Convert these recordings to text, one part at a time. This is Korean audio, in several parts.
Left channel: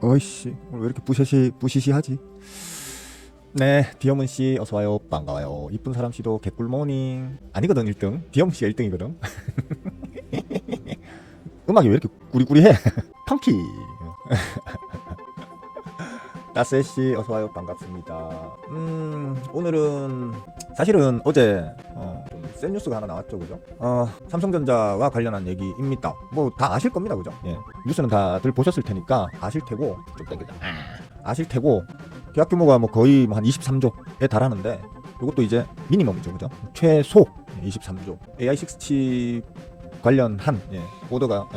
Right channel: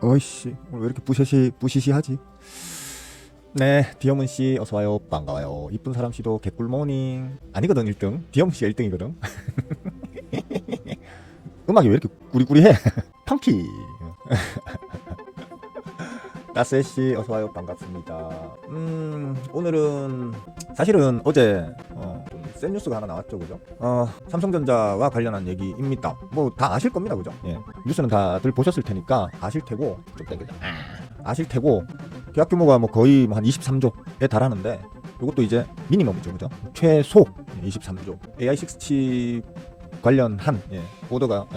어이씨, 오늘 왜 이렇게 부시시하지? 네, 디어문씨 어서와요. 반가워요. 이쁜 사람씨도 개꿀모닝. 아니거든, 1등. 디어문씨가 1등이거든. 음악이 왜 이렇게 구리구리해? 펑키. 나스씨 어서와요. 반갑습니다. 오늘은 사실은 어제 센 뉴스가 하나 나왔죠, 그죠? 삼성전자와 관련한 얘기입니다. 뭐 다 아실 겁니다, 그죠? 예. 뉴스는 다들 보셨을 테니까 아실 테고 계약 규모가 뭐 거의 한 23조에 달하는데 이것도 이제 미니멈이죠, 그죠? 최소 23조. AI6 칩 관련한 오더가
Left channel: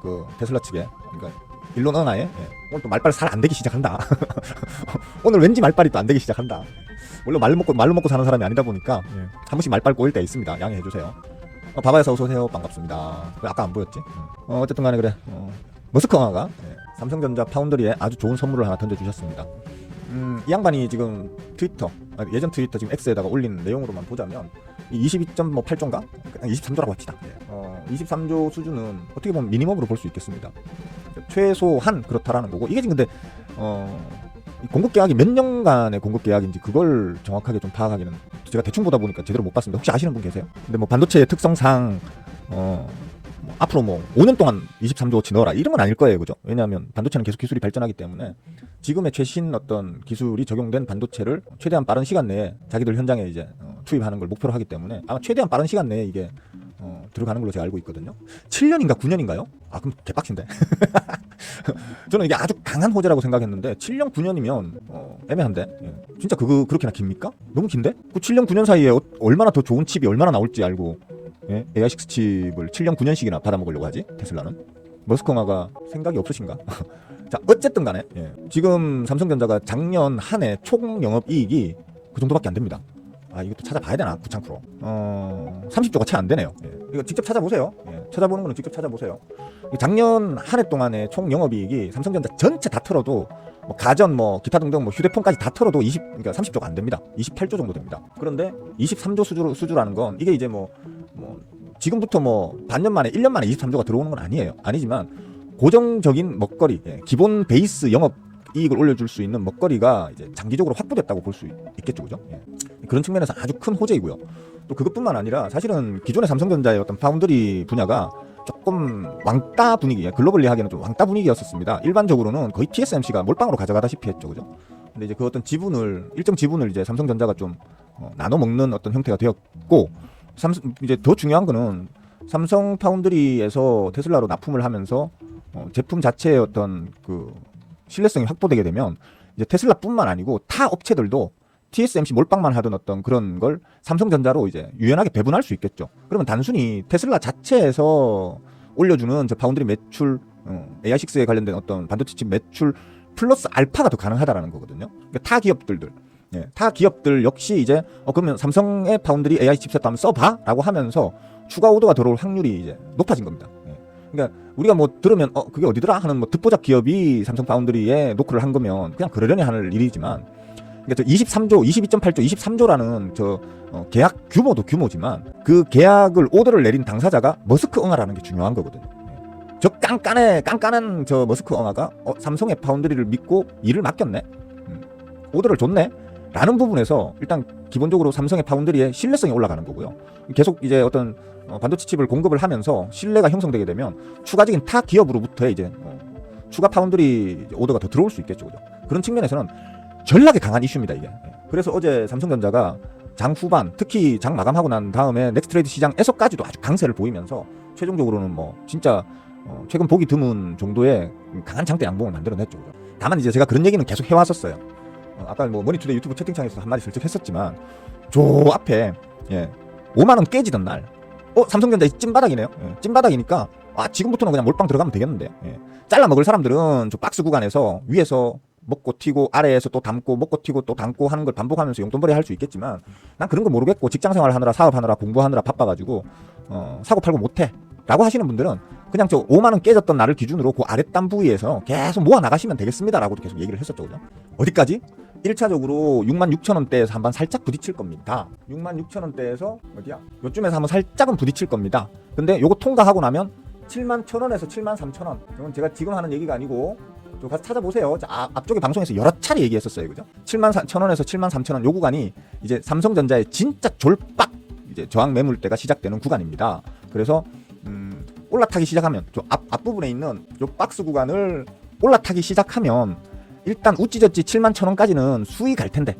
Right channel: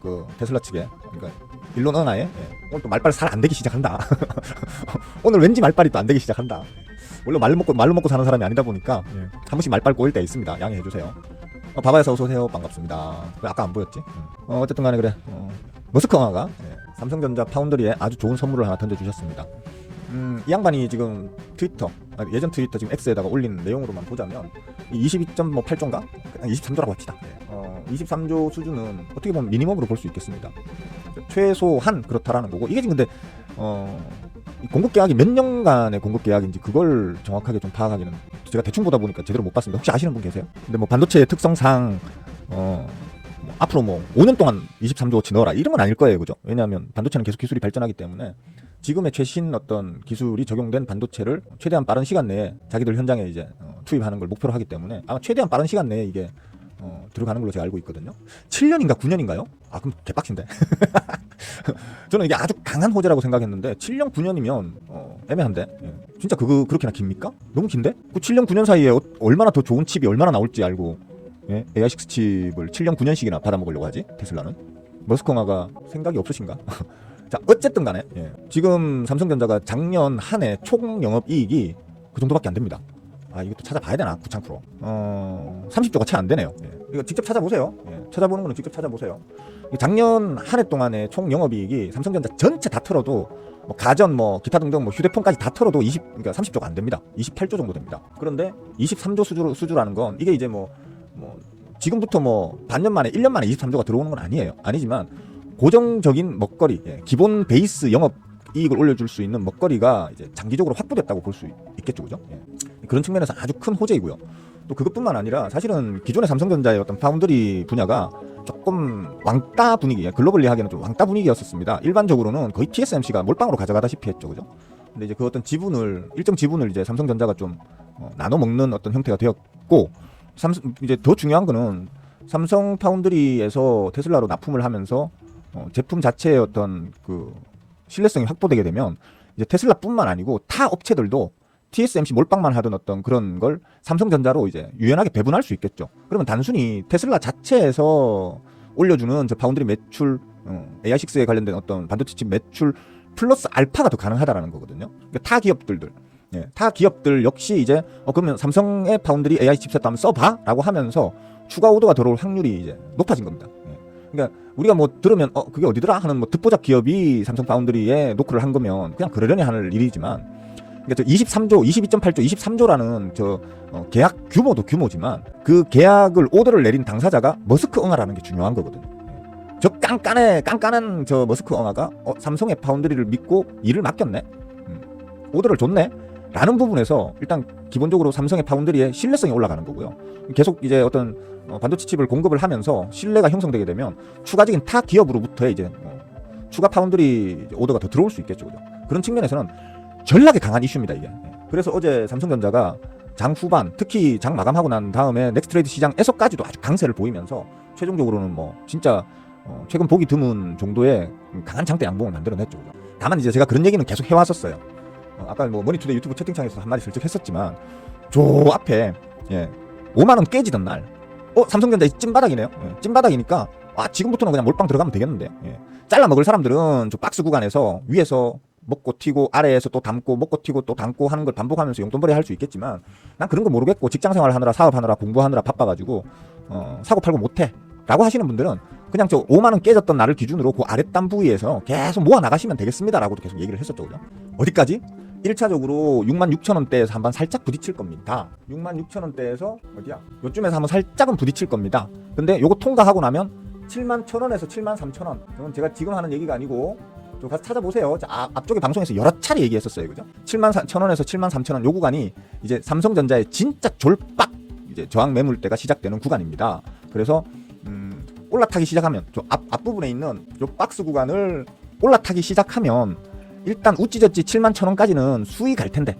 그 테슬라 측에, 그러니까 일론 하나에 오늘 또 말빨 잘 안 되기 시작한다. 오늘 왠지 말빨이 또 안 되기 시작한다. 원래 말로 먹고 사는 사람이 아니다 보니까 한 번씩 말빨 고일 때 있습니다. 양해해 주세요. 바바에서 어서 오세요. 반갑습니다. 아까 안 보였지? 어쨌든 간에 그래. 모스크바가 삼성전자 파운드리에 아주 좋은 선물을 하나 던져주셨습니다. 이 양반이 지금 예전 트위터 지금 X에다가 올린 내용으로만 보자면 22.8조인가? 23조라고 합시다. 23조 수준은 어떻게 보면 미니멈으로 볼 수 있겠습니다. 최소한 그렇다라는 거고, 이게 지금 근데 공급계약이 몇 년간의 공급계약인지 그걸 정확하게 좀 파악하기는 제가 대충 보다 보니까 제대로 못 봤습니다. 혹시 아시는 분 계세요? 근데 뭐 반도체의 특성상 뭐 앞으로 뭐 5년 동안 23조어치 넣어라 이런 건 아닐 거예요, 그죠? 왜냐하면 반도체는 계속 기술이 발전하기 때문에 지금의 최신 어떤 기술이 적용된 반도체를 최대한 빠른 시간 내에 자기들 현장에 이제 투입하는 걸 목표로 하기 때문에 아마 최대한 빠른 시간 내에 이게 들어가는 걸로 제가 알고 있거든요. 7년인가 9년인가요? 그럼 개빡친데. 저는 이게 아주 강한 호재라고 생각했는데 7년 9년이면 애매한데 진짜 그렇게나 깁니까? 너무 긴데? 그 7년 9년 사이에 얼마나 더 좋은 칩이 얼마나 나올지 알고 AI6 칩을 7년 9년씩이나 팔아먹으려고 하지? 테슬라는? 머스크마가 생각이 없으신가? 자, 어쨌든 간에 지금 삼성전자가 작년 한 해 총 영업이익이 그 정도밖에 안 됩니다. 이것도 찾아봐야 되나? 9,000%. 30조가 채 안 되네요. 이거 직접 찾아보세요. 찾아보는 거는 직접 찾아보세요. 작년 한 해 동안의 총 영업이익이 삼성전자 전체 다 털어도 뭐 가전 뭐 기타 등등 뭐 휴대폰까지 다 털어도 그러니까 30조가 안 됩니다. 28조 정도 됩니다. 그런데 23조 수주라는 건 이게 이제 뭐 지금부터 뭐 반년 만에 1년 만에 23조가 들어오는 건 아니지만 고정적인 먹거리, 기본 베이스 영업 이익을 올려줄 수 있는 먹거리가 이제 장기적으로 확보됐다고 볼 수 있겠죠, 그죠? 그런 측면에서 아주 큰 호재이고요. 또 그것뿐만 아니라 사실은 기존의 삼성전자의 어떤 파운드리 분야가 조금 왕따 분위기, 글로벌리 하기에는 좀 왕따 분위기였었습니다. 일반적으로는 거의 TSMC가 몰빵으로 가져가다시피 했죠, 그죠? 근데 이제 그 어떤 일정 지분을 이제 삼성전자가 좀 나눠 먹는 어떤 형태가 되었고, 이제 더 중요한 거는 삼성 파운드리에서 테슬라로 납품을 하면서 제품 자체의 어떤 그 신뢰성이 확보되게 되면 이제 테슬라뿐만 아니고 타 업체들도 TSMC 몰빵만 하던 어떤 그런 걸 삼성전자로 이제 유연하게 배분할 수 있겠죠. 그러면 단순히 테슬라 자체에서 올려주는 저 파운드리 매출, AI6에 관련된 어떤 반도체 칩 매출 플러스 알파가 더 가능하다라는 거거든요. 그러니까 타 기업들 역시 이제 그러면 삼성의 파운드리 AI 칩셋 한번 써봐라고 하면서 추가 오더가 들어올 확률이 이제 높아진 겁니다. 그러니까 우리가 뭐 들으면 그게 어디더라 하는 뭐 듣보잡 기업이 삼성 파운드리에 노크를 한 거면 그냥 그러려니 하는 일이지만, 저 23조, 22.8조, 23조라는 저 계약 규모도 규모지만 그 계약을 오더를 내린 당사자가 머스크 엉아라는 게 중요한 거거든요. 저 깐깐한 저 머스크 엉아가 삼성의 파운드리를 믿고 일을 맡겼네, 오더를 줬네 라는 부분에서 일단 기본적으로 삼성의 파운드리의 신뢰성이 올라가는 거고요. 계속 이제 어떤 반도체 칩을 공급을 하면서 신뢰가 형성되게 되면 추가적인 타 기업으로부터 이제 추가 파운드리 오더가 더 들어올 수 있겠죠, 그죠? 그런 측면에서는 전략에 강한 이슈입니다, 이게. 그래서 어제 삼성전자가 장 후반, 특히 장 마감하고 난 다음에 넥스트레이드 시장에서까지도 아주 강세를 보이면서 최종적으로는 뭐 진짜 최근 보기 드문 정도의 강한 장대 양봉을 만들어냈죠. 다만 이제 제가 그런 얘기는 계속 해왔었어요. 아까 뭐 머니투데 유튜브 채팅창에서 한마디 슬쩍 했었지만 저 앞에 5만원 깨지던 날 삼성전자 찐바닥이네요. 찐바닥이니까 지금부터는 그냥 몰빵 들어가면 되겠는데, 잘라 먹을 사람들은 저 박스 구간에서 위에서 먹고 튀고 아래에서 또 담고 먹고 튀고 또 담고 하는 걸 반복하면서 용돈벌이 할 수 있겠지만 난 그런 거 모르겠고 직장생활 하느라 사업하느라 공부하느라 바빠가지고 사고 팔고 못해 라고 하시는 분들은 그냥 저 5만원 깨졌던 날을 기준으로 그 아랫단 부위에서 계속 모아 나가시면 되겠습니다 라고도 계속 얘기를 했었죠, 그죠? 어디까지? 1차적으로 66,000원대에서 한번 살짝 부딪힐 겁니다. 66,000원대에서 어디야? 요쯤에서 한번 살짝은 부딪힐 겁니다. 근데 요거 통과하고 나면 71,000원에서 73,000원. 그건 제가 지금 하는 얘기가 아니고 가서 찾아보세요. 앞쪽에 방송에서 여러 차례 얘기했었어요. 그죠? 74,000원에서 73,000원 요 구간이 이제 삼성전자의 진짜 졸박 이제 저항 매물대가 시작되는 구간입니다. 그래서 올라타기 시작하면 저 앞부분에 있는 요 박스 구간을 올라타기 시작하면 일단 우찌저찌 71,000원까지는 수익 갈 텐데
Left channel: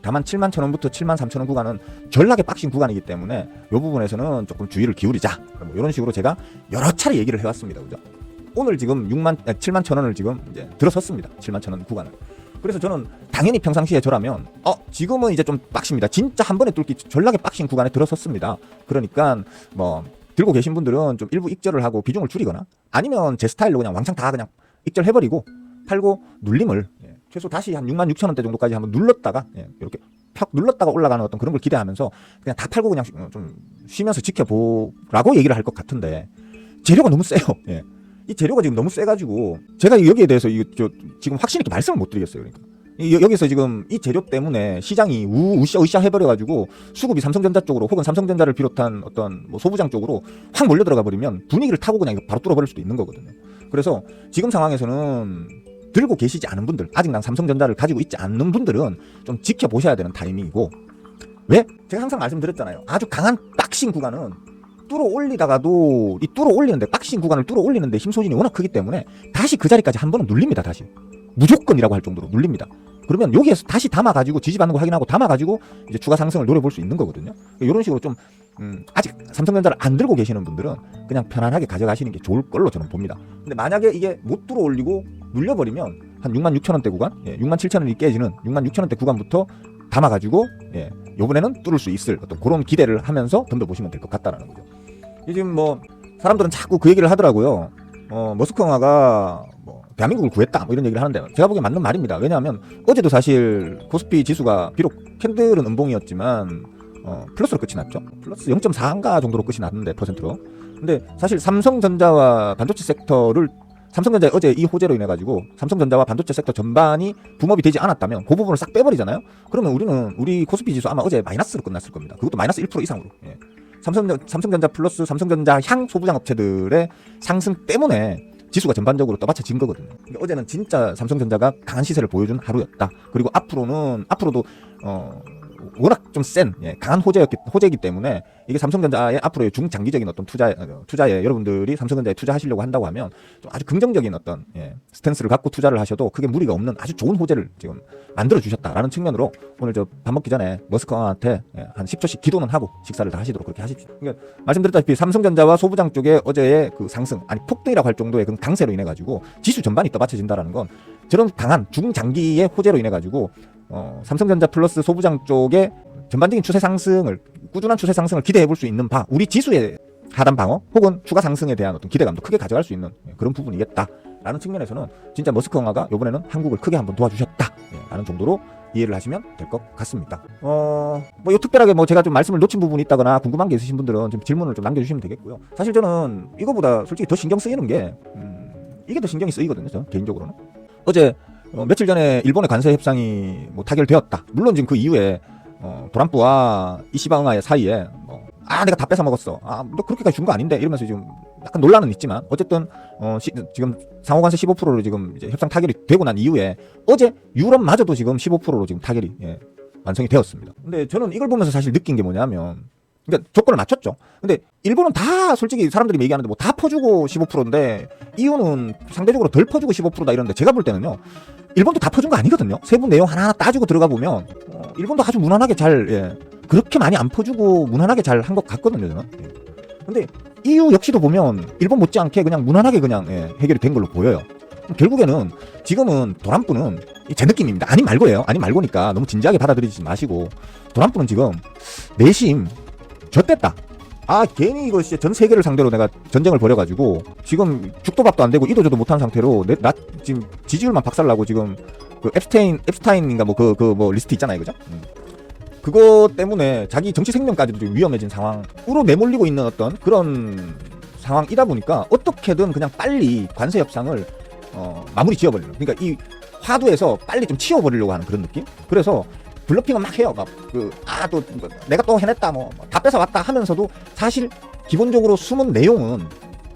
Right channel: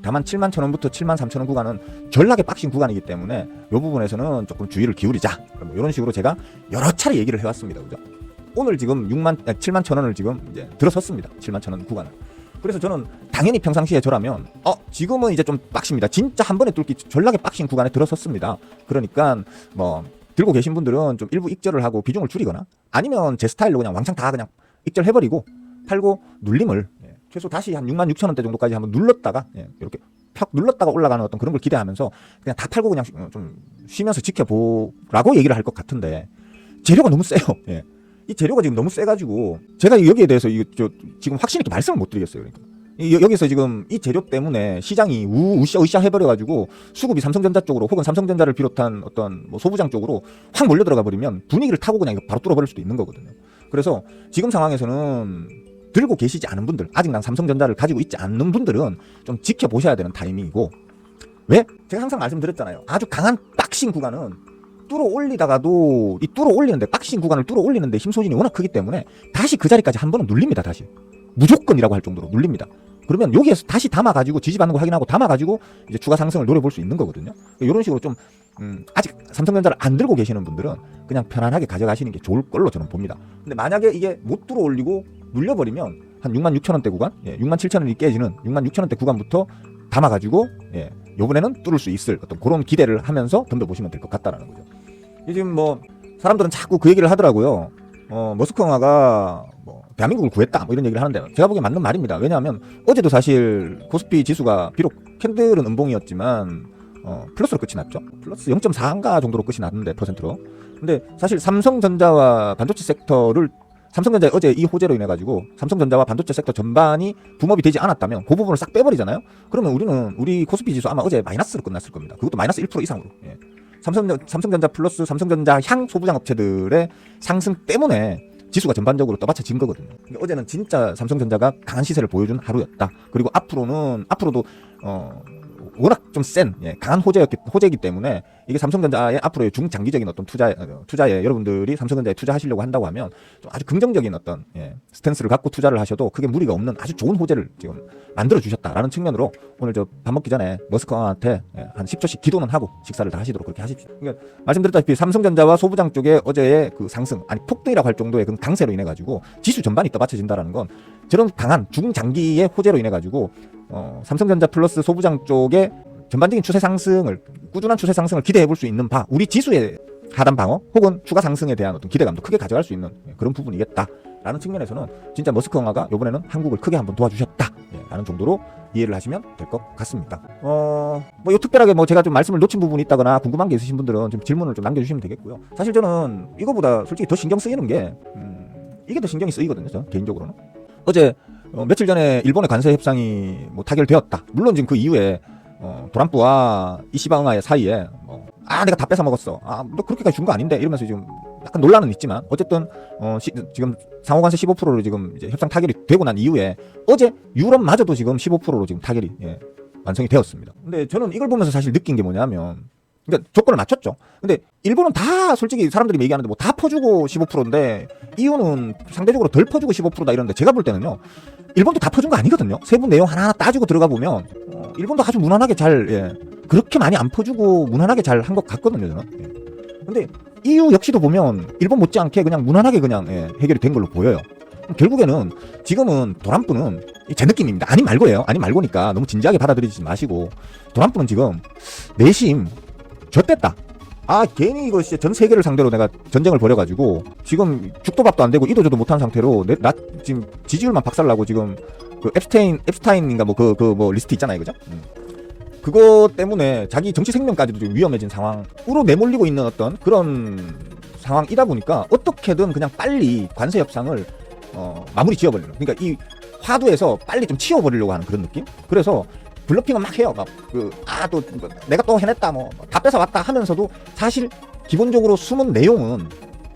다만 71,000원부터 73,000원 구간은 전락의 빡신 구간이기 때문에 이 부분에서는 조금 주의를 기울이자. 뭐 이런 식으로 제가 여러 차례 얘기를 해왔습니다. 그죠? 오늘 지금 71,000원을 지금 이제 들어섰습니다. 71,000원 구간을. 그래서 저는 당연히 평상시에 저라면 지금은 이제 좀 빡십니다. 진짜 한 번에 뚫기 전락의 빡신 구간에 들어섰습니다. 그러니까 뭐 들고 계신 분들은 좀 일부 입절을 하고 비중을 줄이거나 아니면 제 스타일로 그냥 왕창 다 그냥 입절해버리고 팔고 눌림을 최소 다시 한 66,000원대 정도까지 한번 눌렀다가 이렇게 팍 눌렀다가 올라가는 어떤 그런 걸 기대하면서 그냥 다 팔고 그냥 좀 쉬면서 지켜보라고 얘기를 할 것 같은데 재료가 너무 세요. 이 재료가 지금 너무 세가지고 제가 여기에 대해서 지금 확실히 이렇게 말씀을 못 드리겠어요. 그러니까 여기서 지금 이 재료 때문에 시장이 으쌰으쌰 해버려가지고 수급이 삼성전자 쪽으로 혹은 삼성전자를 비롯한 어떤 뭐 소부장 쪽으로 확 몰려 들어가 버리면 분위기를 타고 그냥 이거 바로 뚫어버릴 수도 있는 거거든요. 그래서 지금 상황에서는 들고 계시지 않은 분들, 아직 난 삼성전자를 가지고 있지 않는 분들은 좀 지켜보셔야 되는 타이밍이고, 왜? 제가 항상 말씀드렸잖아요. 아주 강한 박싱 구간은 뚫어 올리다가도 이 뚫어 올리는데 박싱 구간을 뚫어 올리는데 힘 소진이 워낙 크기 때문에 다시 그 자리까지 한 번은 눌립니다. 다시 무조건이라고 할 정도로 눌립니다. 그러면 여기에서 다시 담아가지고 지지받는 거 확인하고 담아가지고 이제 추가 상승을 노려볼 수 있는 거거든요. 이런 식으로 좀 아직 삼성전자를 안 들고 계시는 분들은 그냥 편안하게 가져가시는 게 좋을 걸로 저는 봅니다. 근데 만약에 이게 못 들어 올리고 눌려버리면 한 66,000원대 구간, 67,000원이 깨지는 66,000원대 구간부터 담아가지고 이번에는 뚫을 수 있을 어떤 그런 기대를 하면서 던져보시면 될 것 같다는 거죠. 요즘 뭐 사람들은 자꾸 그 얘기를 하더라고요. 머스크왕화가 뭐 대한민국을 구했다 뭐 이런 얘기를 하는데 제가 보기엔 맞는 말입니다. 왜냐하면 어제도 사실 코스피 지수가 비록 캔들은 음봉이었지만 플러스로 끝이 났죠. 플러스 0.4인가 정도로 끝이 났는데 퍼센트로. 근데 사실 삼성전자와 반도체 섹터를 삼성전자 어제 이 호재로 인해 가지고 삼성전자와 반도체 섹터 전반이 붐업이 되지 않았다면 그 부분을 싹 빼버리잖아요. 그러면 우리 코스피 지수 아마 어제 마이너스로 끝났을 겁니다. 그것도 마이너스 1% 이상으로. 삼성전자 플러스 삼성전자 향 소부장 업체들의 상승 때문에 지수가 전반적으로 떠받쳐진 거거든요. 그러니까 어제는 진짜 삼성전자가 강한 시세를 보여준 하루였다. 그리고 앞으로도 워낙 좀 센 강한 호재이기 때문에 이게 삼성전자의 앞으로의 중장기적인 어떤 투자에 여러분들이 삼성전자에 투자하시려고 한다고 하면 좀 아주 긍정적인 어떤 스탠스를 갖고 투자를 하셔도 그게 무리가 없는 아주 좋은 호재를 지금 만들어 주셨다라는 측면으로 오늘 저 밥 먹기 전에 머스크한테 한 10초씩 기도는 하고 식사를 다 하시도록 그렇게 하십시오. 그러니까 말씀드렸다시피 삼성전자와 소부장 쪽에 어제의 그 상승 폭등이라고 할 정도의 그런 강세로 인해 가지고 지수 전반이 떠받쳐진다라는 건 저런 강한 중장기의 호재로 인해 가지고 삼성전자 플러스 소부장 쪽에 전반적인 추세 상승을 꾸준한 추세 상승을 기대해 볼 수 있는 바 우리 지수의 하단 방어 혹은 추가 상승에 대한 어떤 기대감도 크게 가져갈 수 있는 그런 부분이겠다라는 측면에서는 진짜 머스크왕화가 이번에는 한국을 크게 한번 도와주셨다라는 정도로 이해를 하시면 될 것 같습니다. 뭐 특별하게 뭐 제가 좀 말씀을 놓친 부분이 있다거나 궁금한 게 있으신 분들은 좀 질문을 좀 남겨주시면 되겠고요. 사실 저는 이거보다 솔직히 더 신경 쓰이는 게 이게 더 신경이 쓰이거든요. 저는 개인적으로는 어제 며칠 전에 일본의 관세 협상이 뭐 타결되었다. 물론 지금 그 이후에 트럼프와 이시바응아의 사이에 내가 다 뺏어 먹었어. 나 그렇게까지 준 거 아닌데 이러면서 지금 약간 논란은 있지만 어쨌든 지금 상호관세 15%로 지금 이제 협상 타결이 되고 난 이후에 어제 유럽마저도 지금 15%로 지금 타결이 완성이 되었습니다. 근데 저는 이걸 보면서 사실 느낀 게 뭐냐면 그러니까 조건을 맞췄죠. 근데 일본은 다 솔직히 사람들이 얘기하는데 뭐 다 퍼주고 15%인데 이거는 상대적으로 덜 퍼주고 15%다 이러는데 제가 볼 때는요. 일본도 다 퍼준 거 아니거든요. 세부 내용 하나하나 따지고 들어가 보면 일본도 아주 무난하게 잘 그렇게 많이 안 퍼주고 무난하게 잘 한 것 같거든요. 저는. 근데 EU 역시도 보면 일본 못지않게 그냥 무난하게 그냥 해결이 된 걸로 보여요. 결국에는 지금은 도란프는 제 느낌입니다. 아니 말고예요. 아니 말고니까 너무 진지하게 받아들이지 마시고 도란프는 지금 내심 졌댔다. 괜히 이거 전 세계를 상대로 내가 전쟁을 벌여가지고 지금 죽도 밥도 안 되고 이도저도 못한 상태로 나 지금 지지율만 박살나고 지금 그 앱스타인인가 뭐 리스트 있잖아요, 그죠? 그거 때문에 자기 정치 생명까지도 좀 위험해진 상황으로 내몰리고 있는 어떤 그런 상황이다 보니까 어떻게든 그냥 빨리 관세 협상을 마무리 지어버리려고. 그러니까 이 화두에서 빨리 좀 치워버리려고 하는 그런 느낌? 그래서 블러핑을 막 해요. 내가 또 해냈다, 다 뺏어왔다 하면서도 사실 기본적으로 숨은 내용은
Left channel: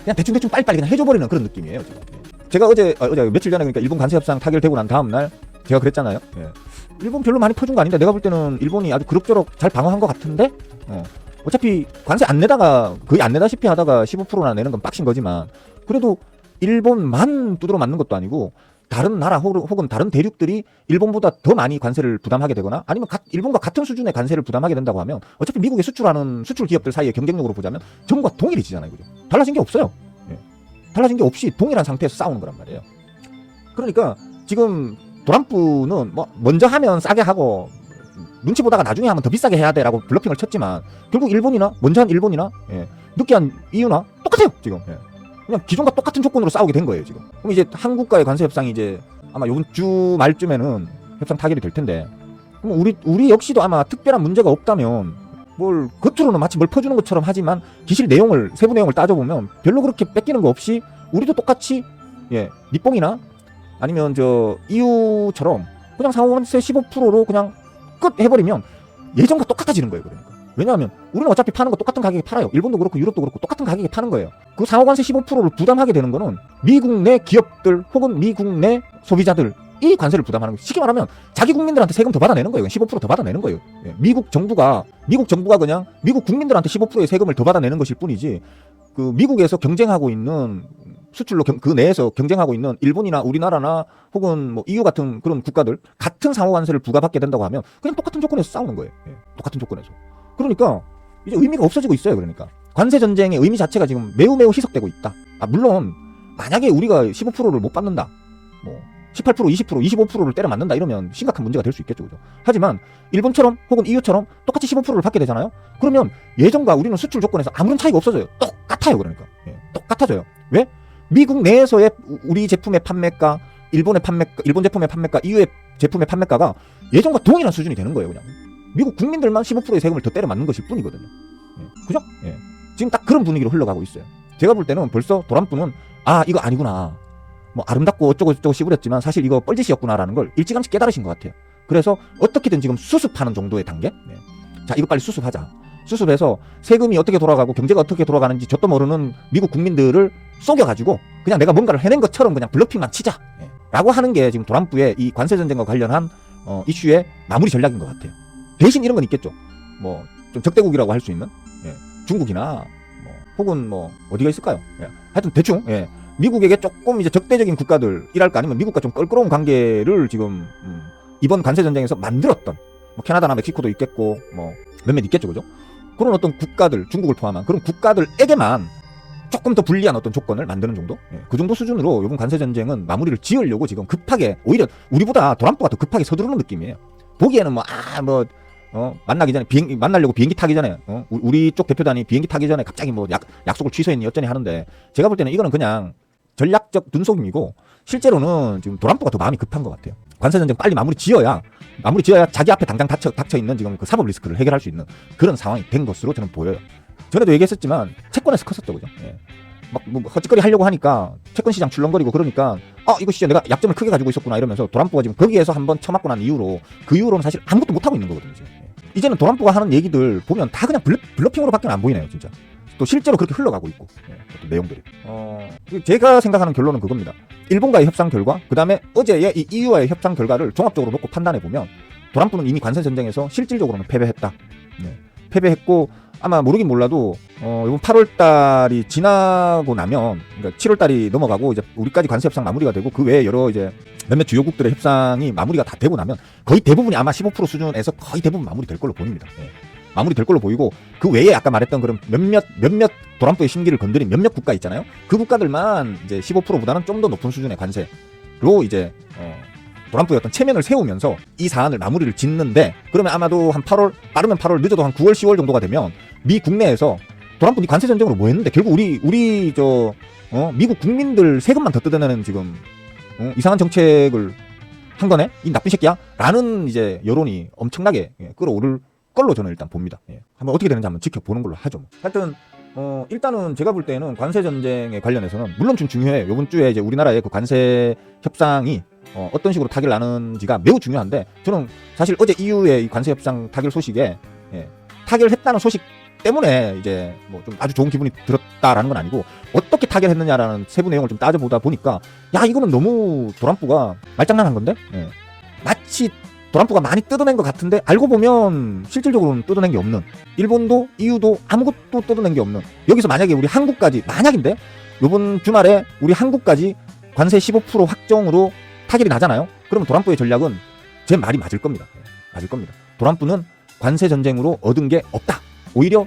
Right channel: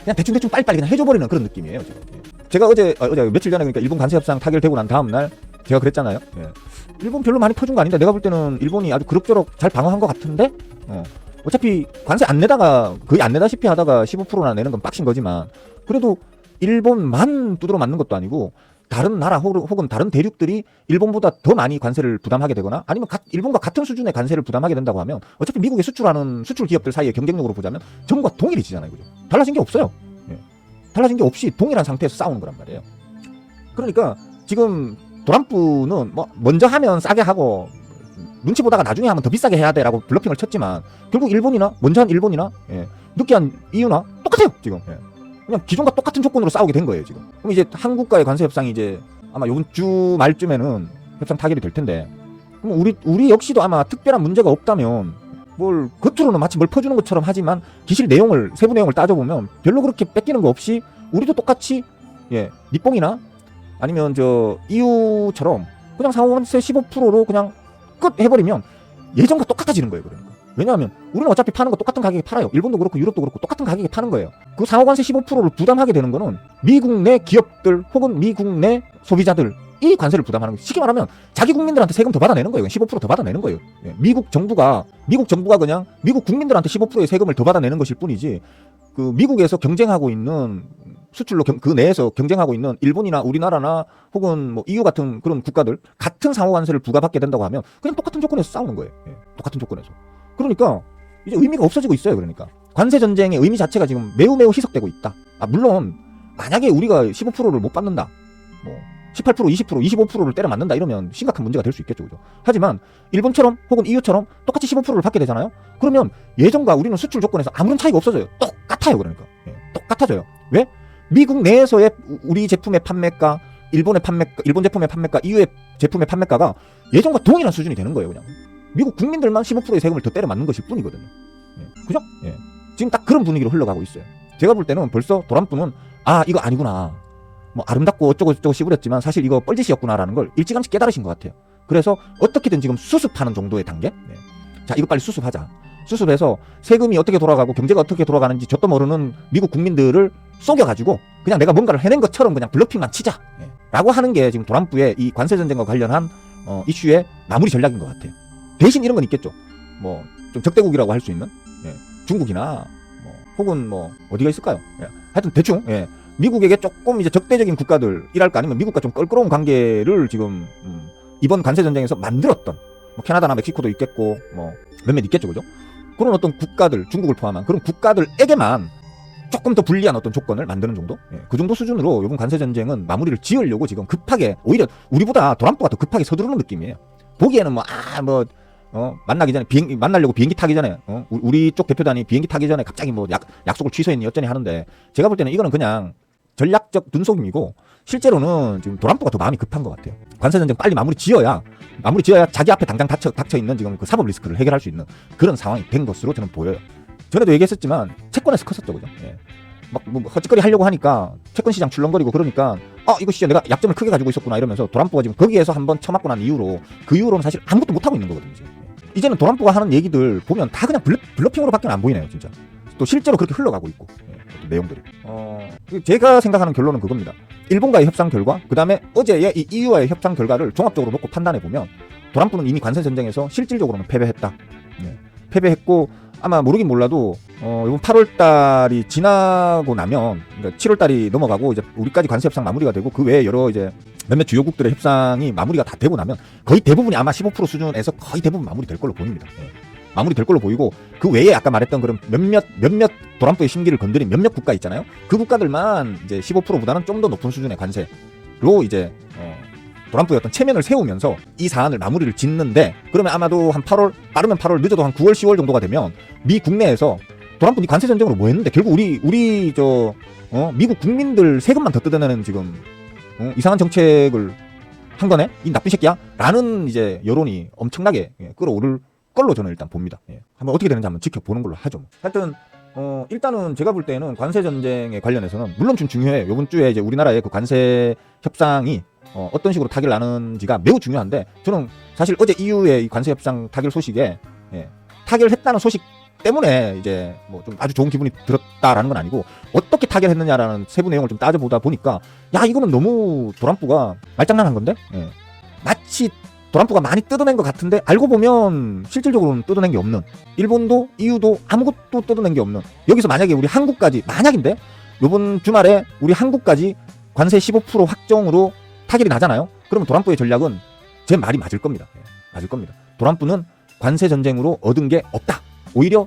그냥 대충 빨리빨리 그냥 해줘버리는 그런 느낌이에요. 제가 어제 며칠 전에 그러니까 일본 관세 협상 타결되고 난 다음 날 제가 그랬잖아요. 예. 일본 별로 많이 퍼준 거 아닌데 내가 볼 때는 일본이 아주 그럭저럭 잘 방어한 것 같은데. 어차피 관세 안 내다가 거의 안 내다시피 하다가 15%나 내는 건 빡친 거지만 그래도 일본만 두드러 맞는 것도 아니고 다른 나라 혹은 다른 대륙들이 일본보다 더 많이 관세를 부담하게 되거나 아니면 일본과 같은 수준의 관세를 부담하게 된다고 하면 어차피 미국에 수출하는 수출 기업들 사이의 경쟁력으로 보자면 전과 동일해지잖아요. 그죠? 달라진 게 없어요. 예. 달라진 게 없이 동일한 상태에서 싸우는 거란 말이에요. 그러니까 지금 트럼프는 뭐 먼저 하면 싸게 하고 눈치 보다가 나중에 하면 더 비싸게 해야 돼라고 블러핑을 쳤지만 결국 일본이나 먼저 한 일본이나 늦게 한 이유나 똑같아요 지금. 그냥 기존과 똑같은 조건으로 싸우게 된 거예요 지금. 그럼 이제 한국과의 관세 협상이 이제 아마 이번 주 말쯤에는 협상 타결이 될 텐데 그럼 우리 역시도 아마 특별한 문제가 없다면 뭘 겉으로는 마치 뭘 퍼주는 것처럼 하지만 기실 내용을 세부 내용을 따져보면 별로 그렇게 뺏기는 거 없이 우리도 똑같이 니뽕이나 아니면 저 EU처럼 그냥 상호관세 15%로 그냥 끝 해버리면 예전과 똑같아지는 거예요. 그러니까. 왜냐하면 우리는 어차피 파는 거 똑같은 가격에 팔아요. 일본도 그렇고 유럽도 그렇고 똑같은 가격에 파는 거예요. 그 상호관세 15%를 부담하게 되는 거는 미국 내 기업들 혹은 미국 내 소비자들 이 관세를 부담하는 거예요. 쉽게 말하면 자기 국민들한테 세금 더 받아내는 거예요. 15%더 받아내는 거예요. 미국 정부가 그냥 미국 국민들한테 15%의 세금을 더 받아내는 것일 뿐이지 그 미국에서 경쟁하고 있는 수출로 그 내에서 경쟁하고 있는 일본이나 우리나라나 혹은 뭐 EU 같은 그런 국가들 같은 상호관세를 부과받게 된다고 하면 그냥 똑같은 조건에서 싸우는 거예요. 똑같은 조건에서. 그러니까 이제 의미가 없어지고 있어요. 그러니까 관세 전쟁의 의미 자체가 지금 매우 희석되고 있다. 물론 만약에 우리가 15%를 못 받는다, 18%, 20%, 25%를 때려 맞는다 이러면 심각한 문제가 될 수 있겠죠. 그죠? 하지만 일본처럼 혹은 EU처럼 똑같이 15%를 받게 되잖아요. 그러면 예전과 우리는 수출 조건에서 아무런 차이가 없어져요. 똑같아요. 그러니까 똑같아져요. 응? 미국 내에서의 우리 제품의 판매가, 일본 제품의 판매가, EU의 제품의 판매가가 예전과 동일한 수준이 되는 거예요. 그냥 미국 국민들만 15%의 세금을 더 때려 맞는 것일 뿐이거든요. 그죠? 지금 딱 그런 분위기로 흘러가고 있어요. 제가 볼 때는 벌써 트럼프는 이거 아니구나. 뭐 아름답고 어쩌고 시부렸지만 사실 이거 뻘짓이었구나라는 걸 일찌감치 깨달으신 것 같아요. 그래서 어떻게든 지금 수습하는 정도의 단계. 자, 이거 빨리 수습하자. 수습해서 세금이 어떻게 돌아가고 경제가 어떻게 돌아가는지 저도 모르는 미국 국민들을 속여가지고 그냥 내가 뭔가를 해낸 것처럼 그냥 블러핑만 치자 라고 하는 게 지금 트럼프의 이 관세 전쟁과 관련한 이슈의 마무리 전략인 것 같아요. 대신 이런 건 있겠죠. 뭐 좀 적대국이라고 할 수 있나? 중국이나 혹은 어디가 있을까요? 하여튼 대충 미국에게 조금 이제 적대적인 국가들이랄까 아니면 미국과 좀 껄끄러운 관계를 지금 이번 관세 전쟁에서 만들었던 캐나다나 멕시코도 있겠고 몇몇 있겠죠, 그죠? 그런 어떤 국가들, 중국을 포함한 그런 국가들에게만 조금 더 불리한 어떤 조건을 만드는 정도? 그 정도 수준으로 이번 관세 전쟁은 마무리를 지으려고 지금 급하게 오히려 우리보다 트럼프가 더 급하게 서두르는 느낌이에요. 보기에는 만나기 전에 만나려고 비행기 타기 전에 우리 쪽 대표단이 비행기 타기 전에 갑자기 약속을 취소했니 어쩌니 하는데 제가 볼 때는 이거는 그냥 전략적 눈속임이고 실제로는 지금 트럼프가 더 마음이 급한 것 같아요. 관세 전쟁 빨리 마무리 지어야 자기 앞에 당장 닥쳐 있는 지금 그 사법 리스크를 해결할 수 있는 그런 상황이 된 것으로 저는 보여요. 전에도 얘기했었지만 채권에서 컸었죠, 그죠? 헛짓거리 하려고 하니까 채권 시장 출렁거리고 그러니까 이거 진짜 내가 약점을 크게 가지고 있었구나 이러면서 트럼프가 지금 거기에서 한번 쳐맞고 난 이후로 그 이후로는 사실 아무것도 못하고 있는 거거든요. 이제는 트럼프가 하는 얘기들 보면 다 그냥 블러핑으로밖에 안 보이네요, 진짜. 또 실제로 그렇게 흘러가고 있고 내용들이. 제가 생각하는 결론은 그겁니다. 일본과의 협상 결과, 그 다음에 어제의 이 EU와의 협상 결과를 종합적으로 놓고 판단해보면 트럼프는 이미 관세 전쟁에서 실질적으로는 패배했다. 패배했고 아마 모르긴 몰라도 이번 8월달이 지나고 나면 그러니까 7월달이 넘어가고 이제 우리까지 관세 협상 마무리가 되고 그 외에 여러 이제 몇몇 주요국들의 협상이 마무리가 다 되고 나면 거의 대부분이 아마 15% 수준에서 거의 대부분 마무리될 걸로 보입니다. 마무리될 걸로 보이고 그 외에 아까 말했던 그런 몇몇 트럼프의 심기를 건드린 몇몇 국가 있잖아요. 그 국가들만 이제 15%보다는 좀 더 높은 수준의 관세로 이제 트럼프가 어떤 체면을 세우면서 이 사안을 마무리를 짓는데 그러면 아마도 한 8월 빠르면 8월 늦어도 한 9월 10월 정도가 되면 미 국내에서 트럼프 니 관세 전쟁으로 뭐 했는데 결국 우리 미국 국민들 세금만 더 뜯어내는 지금 이상한 정책을 한 거네? 이 나쁜 새끼야? 라는 이제 여론이 엄청나게 끌어오를 걸로 저는 일단 봅니다. 한번 어떻게 되는지 한번 지켜보는 걸로 하죠. 하여튼 일단은 제가 볼 때는 관세 전쟁에 관련해서는 물론 좀 중요해요. 이번 주에 이제 우리나라의 그 관세 협상이 어떤 식으로 타결 나는지가 매우 중요한데 저는 사실 어제 EU의 관세 협상 타결 소식에 타결했다는 소식 때문에 이제 뭐 좀 아주 좋은 기분이 들었다라는 건 아니고 어떻게 타결했느냐라는 세부 내용을 좀 따져보다 보니까 야 이거는 너무 트럼프가 말장난한 건데 예. 마치 트럼프가 많이 뜯어낸 것 같은데 알고 보면 실질적으로는 뜯어낸 게 없는 일본도 EU도 아무것도 뜯어낸 게 없는 여기서 만약에 우리 한국까지 만약인데 이번 주말에 우리 한국까지 관세 15% 확정으로 타결이 나잖아요. 그러면 트럼프의 전략은 제 말이 맞을 겁니다. 맞을 겁니다. 트럼프는 관세 전쟁으로 얻은 게 없다. 오히려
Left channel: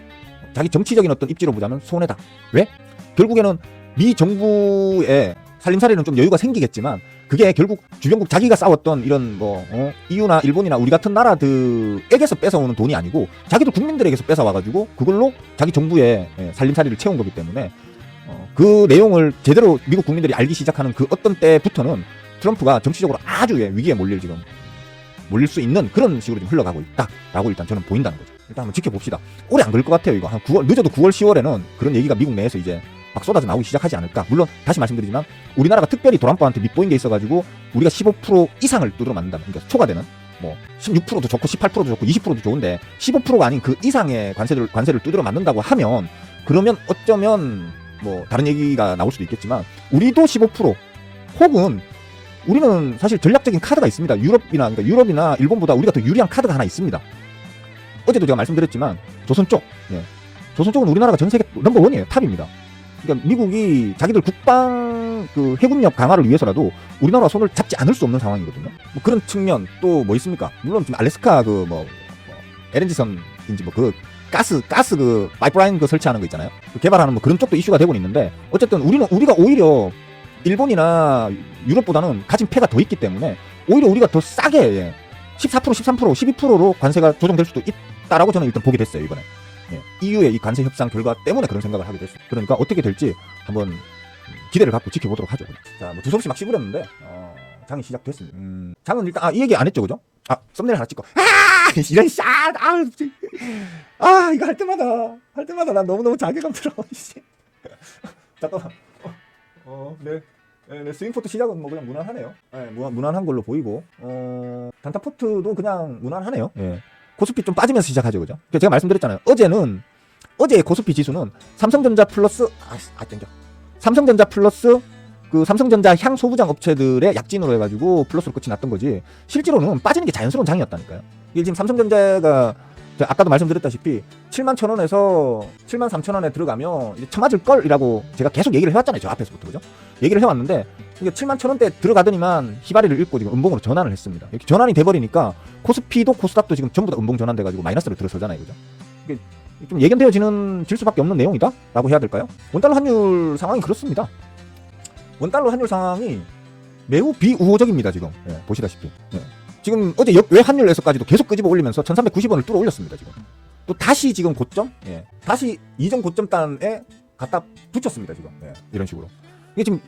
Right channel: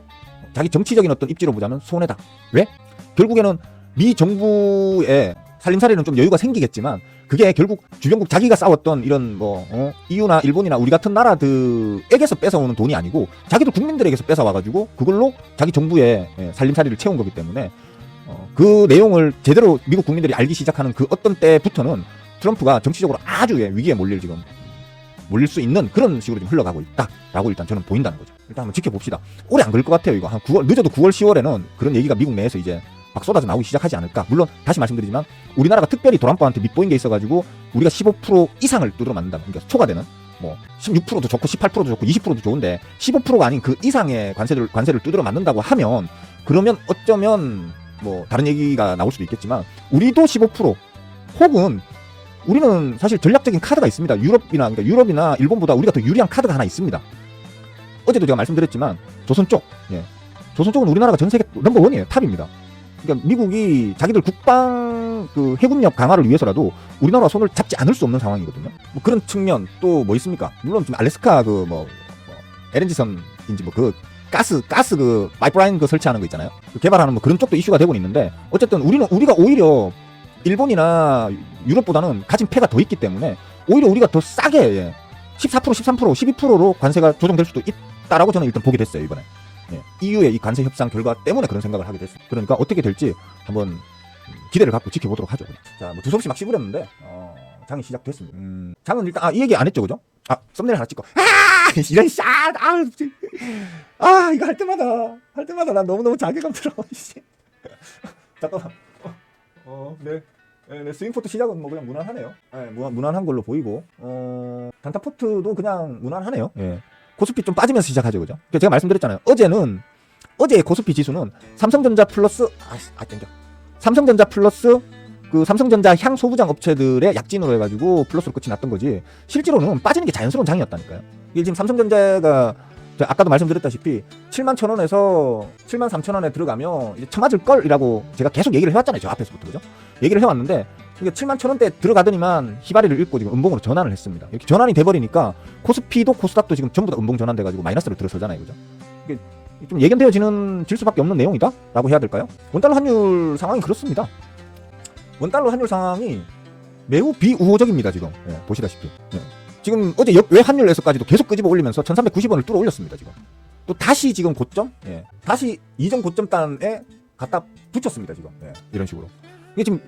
자기 정치적인 어떤 입지로 보자면 손해다. 왜? 결국에는 미 정부의 살림살이는 좀 여유가 생기겠지만 그게 결국 주변국 자기가 싸웠던 이런 뭐 EU나 일본이나 우리 같은 나라들에게서 뺏어오는 돈이 아니고 자기들 국민들에게서 뺏어와가지고 그걸로 자기 정부의 살림살이를 채운 거기 때문에 그 내용을 제대로 미국 국민들이 알기 시작하는 그 어떤 때부터는 트럼프가 정치적으로 아주 위기에 몰릴 수 있는 그런 식으로 좀 흘러가고 있다라고 일단 저는 보인다는 거죠. 일단 한번 지켜봅시다. 오래 안 걸릴 것 같아요. 이거 한 9월, 늦어도 9월, 10월에는 그런 얘기가 미국 내에서 이제 막 쏟아져 나오기 시작하지 않을까. 물론 다시 말씀드리지만 우리나라가 특별히 트럼프한테 밑보인 게 있어가지고 우리가 15% 이상을 뚫어 맞는다. 그러니까 초과되는 뭐 16%도 좋고 18%도 좋고 20%도 좋은데 15%가 아닌 그 이상의 관세를 두드려 맞는다고 하면 그러면 어쩌면 뭐 다른 얘기가 나올 수도 있겠지만 우리도 15% 혹은 우리는 사실 전략적인 카드가 있습니다. 유럽이나 일본보다 우리가 더 유리한 카드가 하나 있습니다. 어제도 제가 말씀드렸지만 조선 쪽. 조선 쪽은 우리나라가 전 세계 넘버원이에요. 탑입니다. 그러니까 미국이 자기들 국방 그 해군력 강화를 위해서라도 우리나라 손을 잡지 않을 수 없는 상황이거든요. 뭐 그런 측면 또 뭐 있습니까? 물론 지금 알래스카 그 LNG선인지 뭐 그 가스 그 파이프라인 그 설치하는 거 있잖아요. 그 개발하는 뭐 그런 쪽도 이슈가 되고 있는데 어쨌든 우리가 오히려 일본이나 유럽보다는 가진 패가 더 있기 때문에 오히려 우리가 더 싸게 14%, 13%, 12%로 관세가 조정될 수도 있다라고 저는 일단 보게 됐어요, 이번에. EU의 이 관세 협상 결과 때문에 그런 생각을 하게 됐어요. 그러니까 어떻게 될지 한번 기대를 갖고 지켜보도록 하죠. 자, 뭐 두서없이 막 씹으렸는데 장이 시작됐습니다. 장은 일단 이 얘기 안 했죠, 그죠? 썸네일 하나 찍고 이런 이거 할 때마다 난 너무너무 자괴감 들어. 잠깐만. 네. 스윙포트 시작은 뭐 그냥 무난하네요. 네, 무난한 걸로 보이고 단타포트도 그냥 무난하네요. 예. 코스피 좀 빠지면서 시작하죠, 그죠? 제가 말씀드렸잖아요. 어제 코스피 지수는 삼성전자 플러스 그 삼성전자 향 소부장 업체들의 약진으로 해가지고 플러스로 끝이 났던 거지. 실제로는 빠지는 게 자연스러운 장이었다니까요. 이게 지금 삼성전자가 아까도 말씀드렸다시피 71,000원에서 73,000원에 들어가면 이제 쳐맞을 걸이라고 제가 계속 얘기를 해왔잖아요. 저 앞에서부터, 그죠? 얘기를 해왔는데 이게 71,000원대 들어가더니만 희바리를 읽고 지금 음봉으로 전환을 했습니다. 이렇게 전환이 돼버리니까 코스피도 코스닥도 지금 전부 다 음봉 전환돼가지고 마이너스로 들어서잖아요, 그죠? 이게 좀 예견되어질 수밖에 없는 내용이다? 라고 해야 될까요? 원달러 환율 상황이 그렇습니다. 원달러 환율 상황이 매우 비우호적입니다, 지금. 보시다시피. 지금 어제 외환율에서까지도 계속 끄집어 올리면서 1390원을 뚫어 올렸습니다, 지금. 또 다시 지금 고점? 다시 이전 고점단에 갖다 붙였습니다, 지금. 이런 식으로. 이게 지금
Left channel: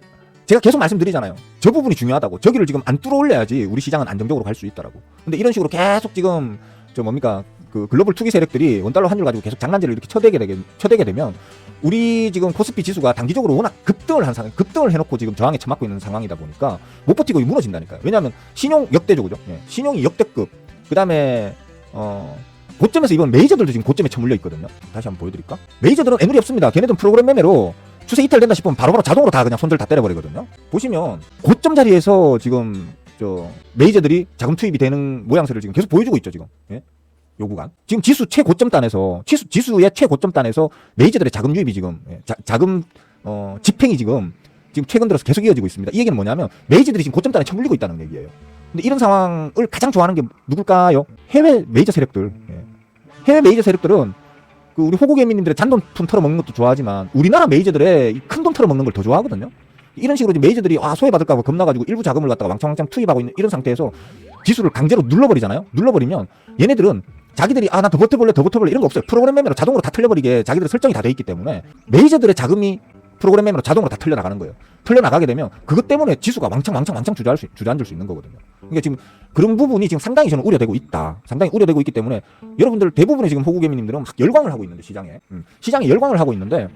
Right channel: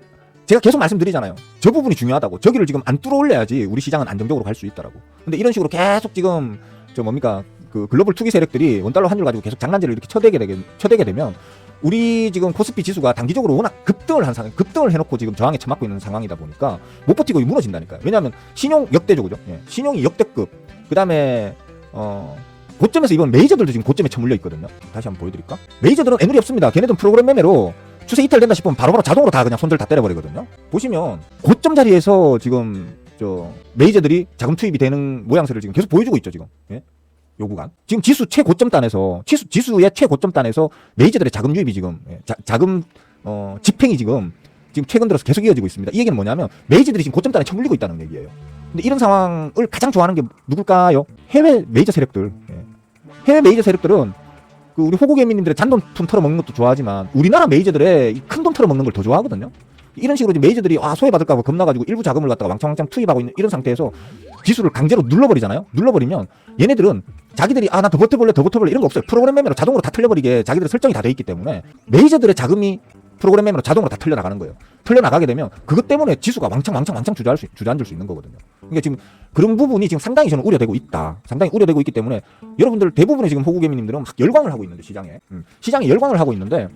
제가 계속 말씀드리잖아요. 저 부분이 중요하다고. 저기를 지금 안 뚫어 올려야지 우리 시장은 안정적으로 갈 수 있더라고. 근데 이런 식으로 계속 지금 그 글로벌 투기 세력들이 원달러 환율 가지고 계속 장난질을 이렇게 쳐대게 되면 우리 지금 코스피 지수가 단기적으로 워낙 급등을 해놓고 지금 저항에 처맞고 있는 상황이다 보니까 못 버티고 무너진다니까요. 왜냐하면 신용 역대죠, 그죠? 신용이 역대급. 그 다음에 고점에서 이번 메이저들도 지금 고점에 처물려 있거든요. 다시 한번 보여드릴까? 메이저들은 애누리 없습니다. 걔네들은 프로그램 매매로 추세 이탈된다 싶으면 바로 자동으로 다 그냥 손절 다 때려버리거든요. 보시면 고점 자리에서 지금 메이저들이 자금 투입이 되는 모양새를 지금 계속 보여주고 있죠, 지금. 요 구간. 지금 지수 최고점단에서 지수의 최고점단에서 메이저들의 자금 유입이 지금 자금 집행이 지금 최근 들어서 계속 이어지고 있습니다. 이 얘기는 뭐냐면 메이저들이 지금 고점단에 처물리고 있다는 얘기예요. 근데 이런 상황을 가장 좋아하는 게 누굴까요? 해외 메이저 세력들. 해외 메이저 세력들은 그 우리 호국 애민님들의 잔돈 털어먹는 것도 좋아하지만 우리나라 메이저들의 큰 돈 털어먹는 걸 더 좋아하거든요. 이런 식으로 메이저들이 소외받을까봐 겁나가지고 일부 자금을 갖다가 왕창 투입하고 있는 이런 상태에서 지수를 강제로 눌러버리잖아요. 눌러버리면 얘네들은 자기들이 나 더 버텨볼래 이런 거 없어요. 프로그램 매매로 자동으로 다 틀려버리게 자기들 설정이 다 돼 있기 때문에 메이저들의 자금이 프로그램 매매로 자동으로 다 틀려나가는 거예요. 틀려나가게 되면 그것 때문에 지수가 왕창 주저앉을 수 있는 거거든요. 그러니까 지금 그런 부분이 지금 상당히 저는 우려되고 있다. 상당히 우려되고 있기 때문에 여러분들 대부분의 지금 호구개미님들은 막 열광을 하고 있는데 시장에 열광을 하고 있는데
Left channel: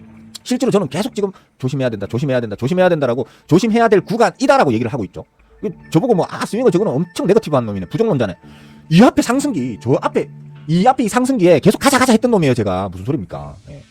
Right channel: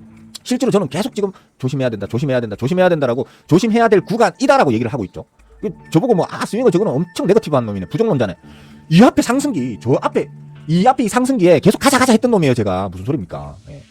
실제로 저는 계속 지금 조심해야 된다라고 조심해야 될 구간이다라고 얘기를 하고 있죠. 저보고 스윙은 저거는 엄청 네거티브한 놈이네, 부정론자네. 이 앞에 상승기, 저 앞에 이 앞에 이 상승기에 계속 가자 했던 놈이에요, 제가. 무슨 소리입니까? 네.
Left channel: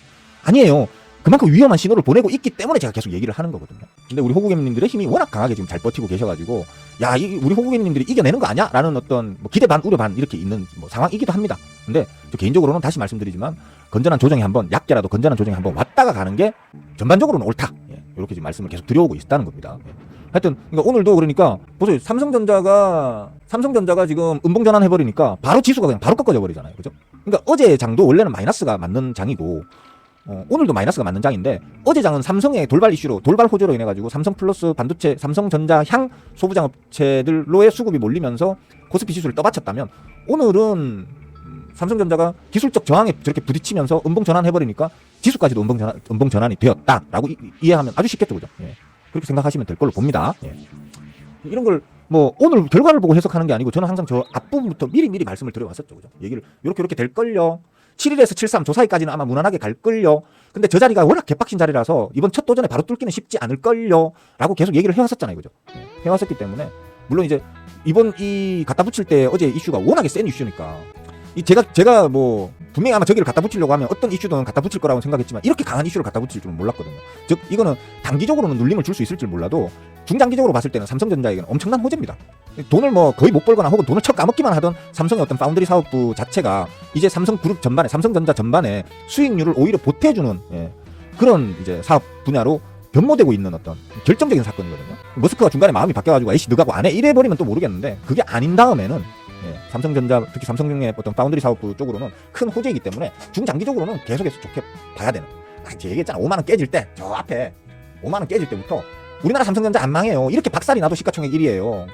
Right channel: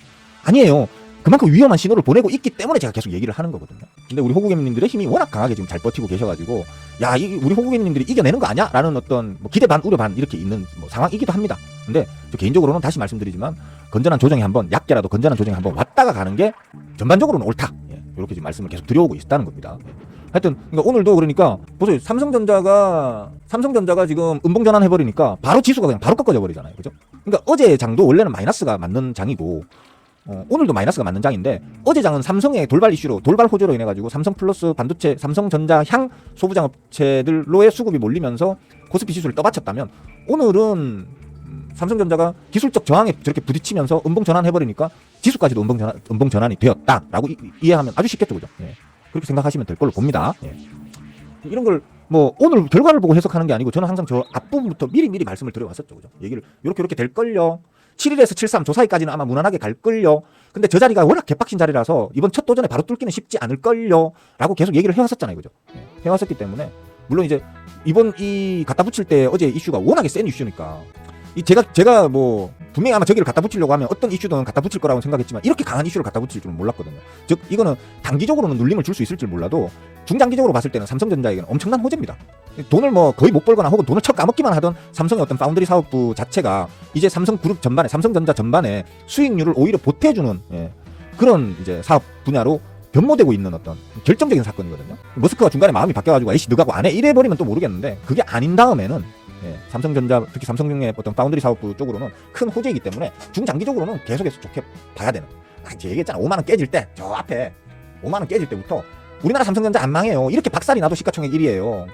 아니에요. 그만큼 위험한 신호를 보내고 있기 때문에 제가 계속 얘기를 하는 거거든요. 근데 우리 호구개님들의 힘이 워낙 강하게 지금 잘 버티고 계셔가지고, 야, 우리 호구개님들이 이겨내는 거 아니야? 라는 어떤 뭐 기대 반, 우려 반 이렇게 있는 뭐 상황이기도 합니다. 근데 저 개인적으로는 다시 말씀드리지만, 건전한 조정이 한번, 얕게라도 건전한 조정이 한번 왔다가 가는 게 전반적으로는 옳다. 이렇게 지금 말씀을 계속 드려오고 있다는 겁니다. 하여튼, 그러니까 오늘도 그러니까, 보세요. 삼성전자가 지금 음봉전환 해버리니까 바로 지수가 그냥 바로 꺾어져 버리잖아요. 그죠? 그러니까 어제 장도 원래는 마이너스가 맞는 장이고, 오늘도 마이너스가 맞는 장인데, 어제 장은 삼성의 돌발 이슈로, 돌발 호조로 인해가지고 삼성 플러스 반도체, 삼성전자 향 소부장업체들로의 수급이 몰리면서 코스피 지수를 떠받쳤다면, 오늘은 삼성전자가 기술적 저항에 저렇게 부딪히면서 음봉전환 해버리니까 지수까지도 음봉전환이 되었다라고 이해하면 아주 쉽겠죠, 그죠? 그렇게 생각하시면 될 걸로 봅니다. 이런 걸 뭐 오늘 결과를 보고 해석하는 게 아니고 저는 항상 저 앞부분부터 미리 말씀을 드려왔었죠, 그죠? 얘기를 이렇게 될걸요. 7일에서 73 조 사이까지는 아마 무난하게 갈걸요. 근데 저 자리가 워낙 개빡친 자리라서 이번 첫 도전에 바로 뚫기는 쉽지 않을걸요. 라고 계속 얘기를 해왔었잖아요, 그죠? 해왔었기 때문에 물론 이제 이번 이 갖다 붙일 때 어제 이슈가 워낙에 센 이슈니까. 제가 뭐 분명히 아마 저기를 갖다 붙이려고 하면 어떤 이슈든 갖다 붙일 거라고 생각했지만 이렇게 강한 이슈를 갖다 붙일 줄은 몰랐거든요. 즉 이거는 단기적으로는 눌림을 줄 수 있을지 몰라도 중장기적으로 봤을 때는 삼성전자 이건 엄청난 호재입니다. 돈을 뭐 거의 못 벌거나 혹은 돈을 척 까먹기만 하던 삼성의 어떤 파운드리 사업부 자체가 이제 삼성그룹 전반에, 삼성전자 전반에 수익률을 오히려 보태주는 그런 이제 사업 분야로 변모되고 있는 어떤 결정적인 사건이거든요. 머스크가 중간에 마음이 바뀌어가지고 아이씨 너가고 안 해 이래버리면 또 모르겠는데, 그게 아닌 다음에는 삼성전자, 특히 삼성의 어떤 파운드리 사업부 쪽으로는 큰 호재이기 때문에 중장기적으로는 계속해서 좋게 봐야 되는. 제가 얘기했잖아. 5만원 깨질 때, 저 앞에 5만원 깨질 때부터 우리나라 삼성전자 안 망해요. 이렇게 박살이 나도 시가총액 1위에요.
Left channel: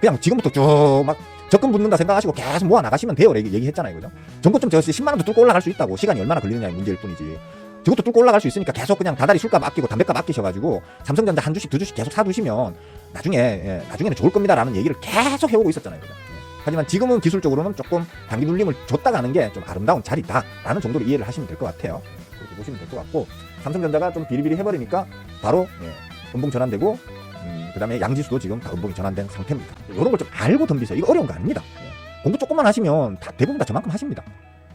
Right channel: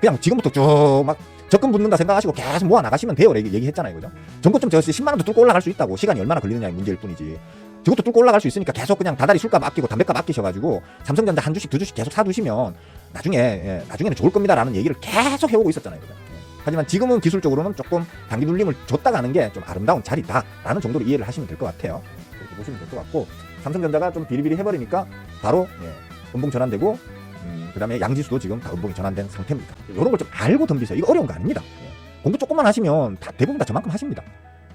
그냥 지금부터 쭉 막 적금 붙는다 생각하시고 계속 모아 나가시면 돼요. 얘기했잖아요, 그죠? 전고점 저 10만원도 뚫고 올라갈 수 있다고. 시간이 얼마나 걸리느냐의 문제일 뿐이지. 저것도 뚫고 올라갈 수 있으니까 계속 그냥 다달이 술값 아끼고 담배값 아끼셔가지고 삼성전자 한 주씩 두 주씩 계속 사두시면 나중에는 좋을 겁니다라는 얘기를 계속 해오고 있었잖아요, 그죠? 하지만 지금은 기술적으로는 조금 단기 눌림을 줬다가 하는 게 좀 아름다운 자리다라는 정도로 이해를 하시면 될 것 같아요. 그렇게 보시면 될 것 같고, 삼성전자가 좀 비리비리 해버리니까 바로 음봉 전환되고, 그 다음에 양지수도 지금 음봉이 전환된 상태입니다. 이런 걸 좀 알고 덤비세요. 이거 어려운 거 아닙니다. 공부 조금만 하시면 대부분 다 저만큼 하십니다.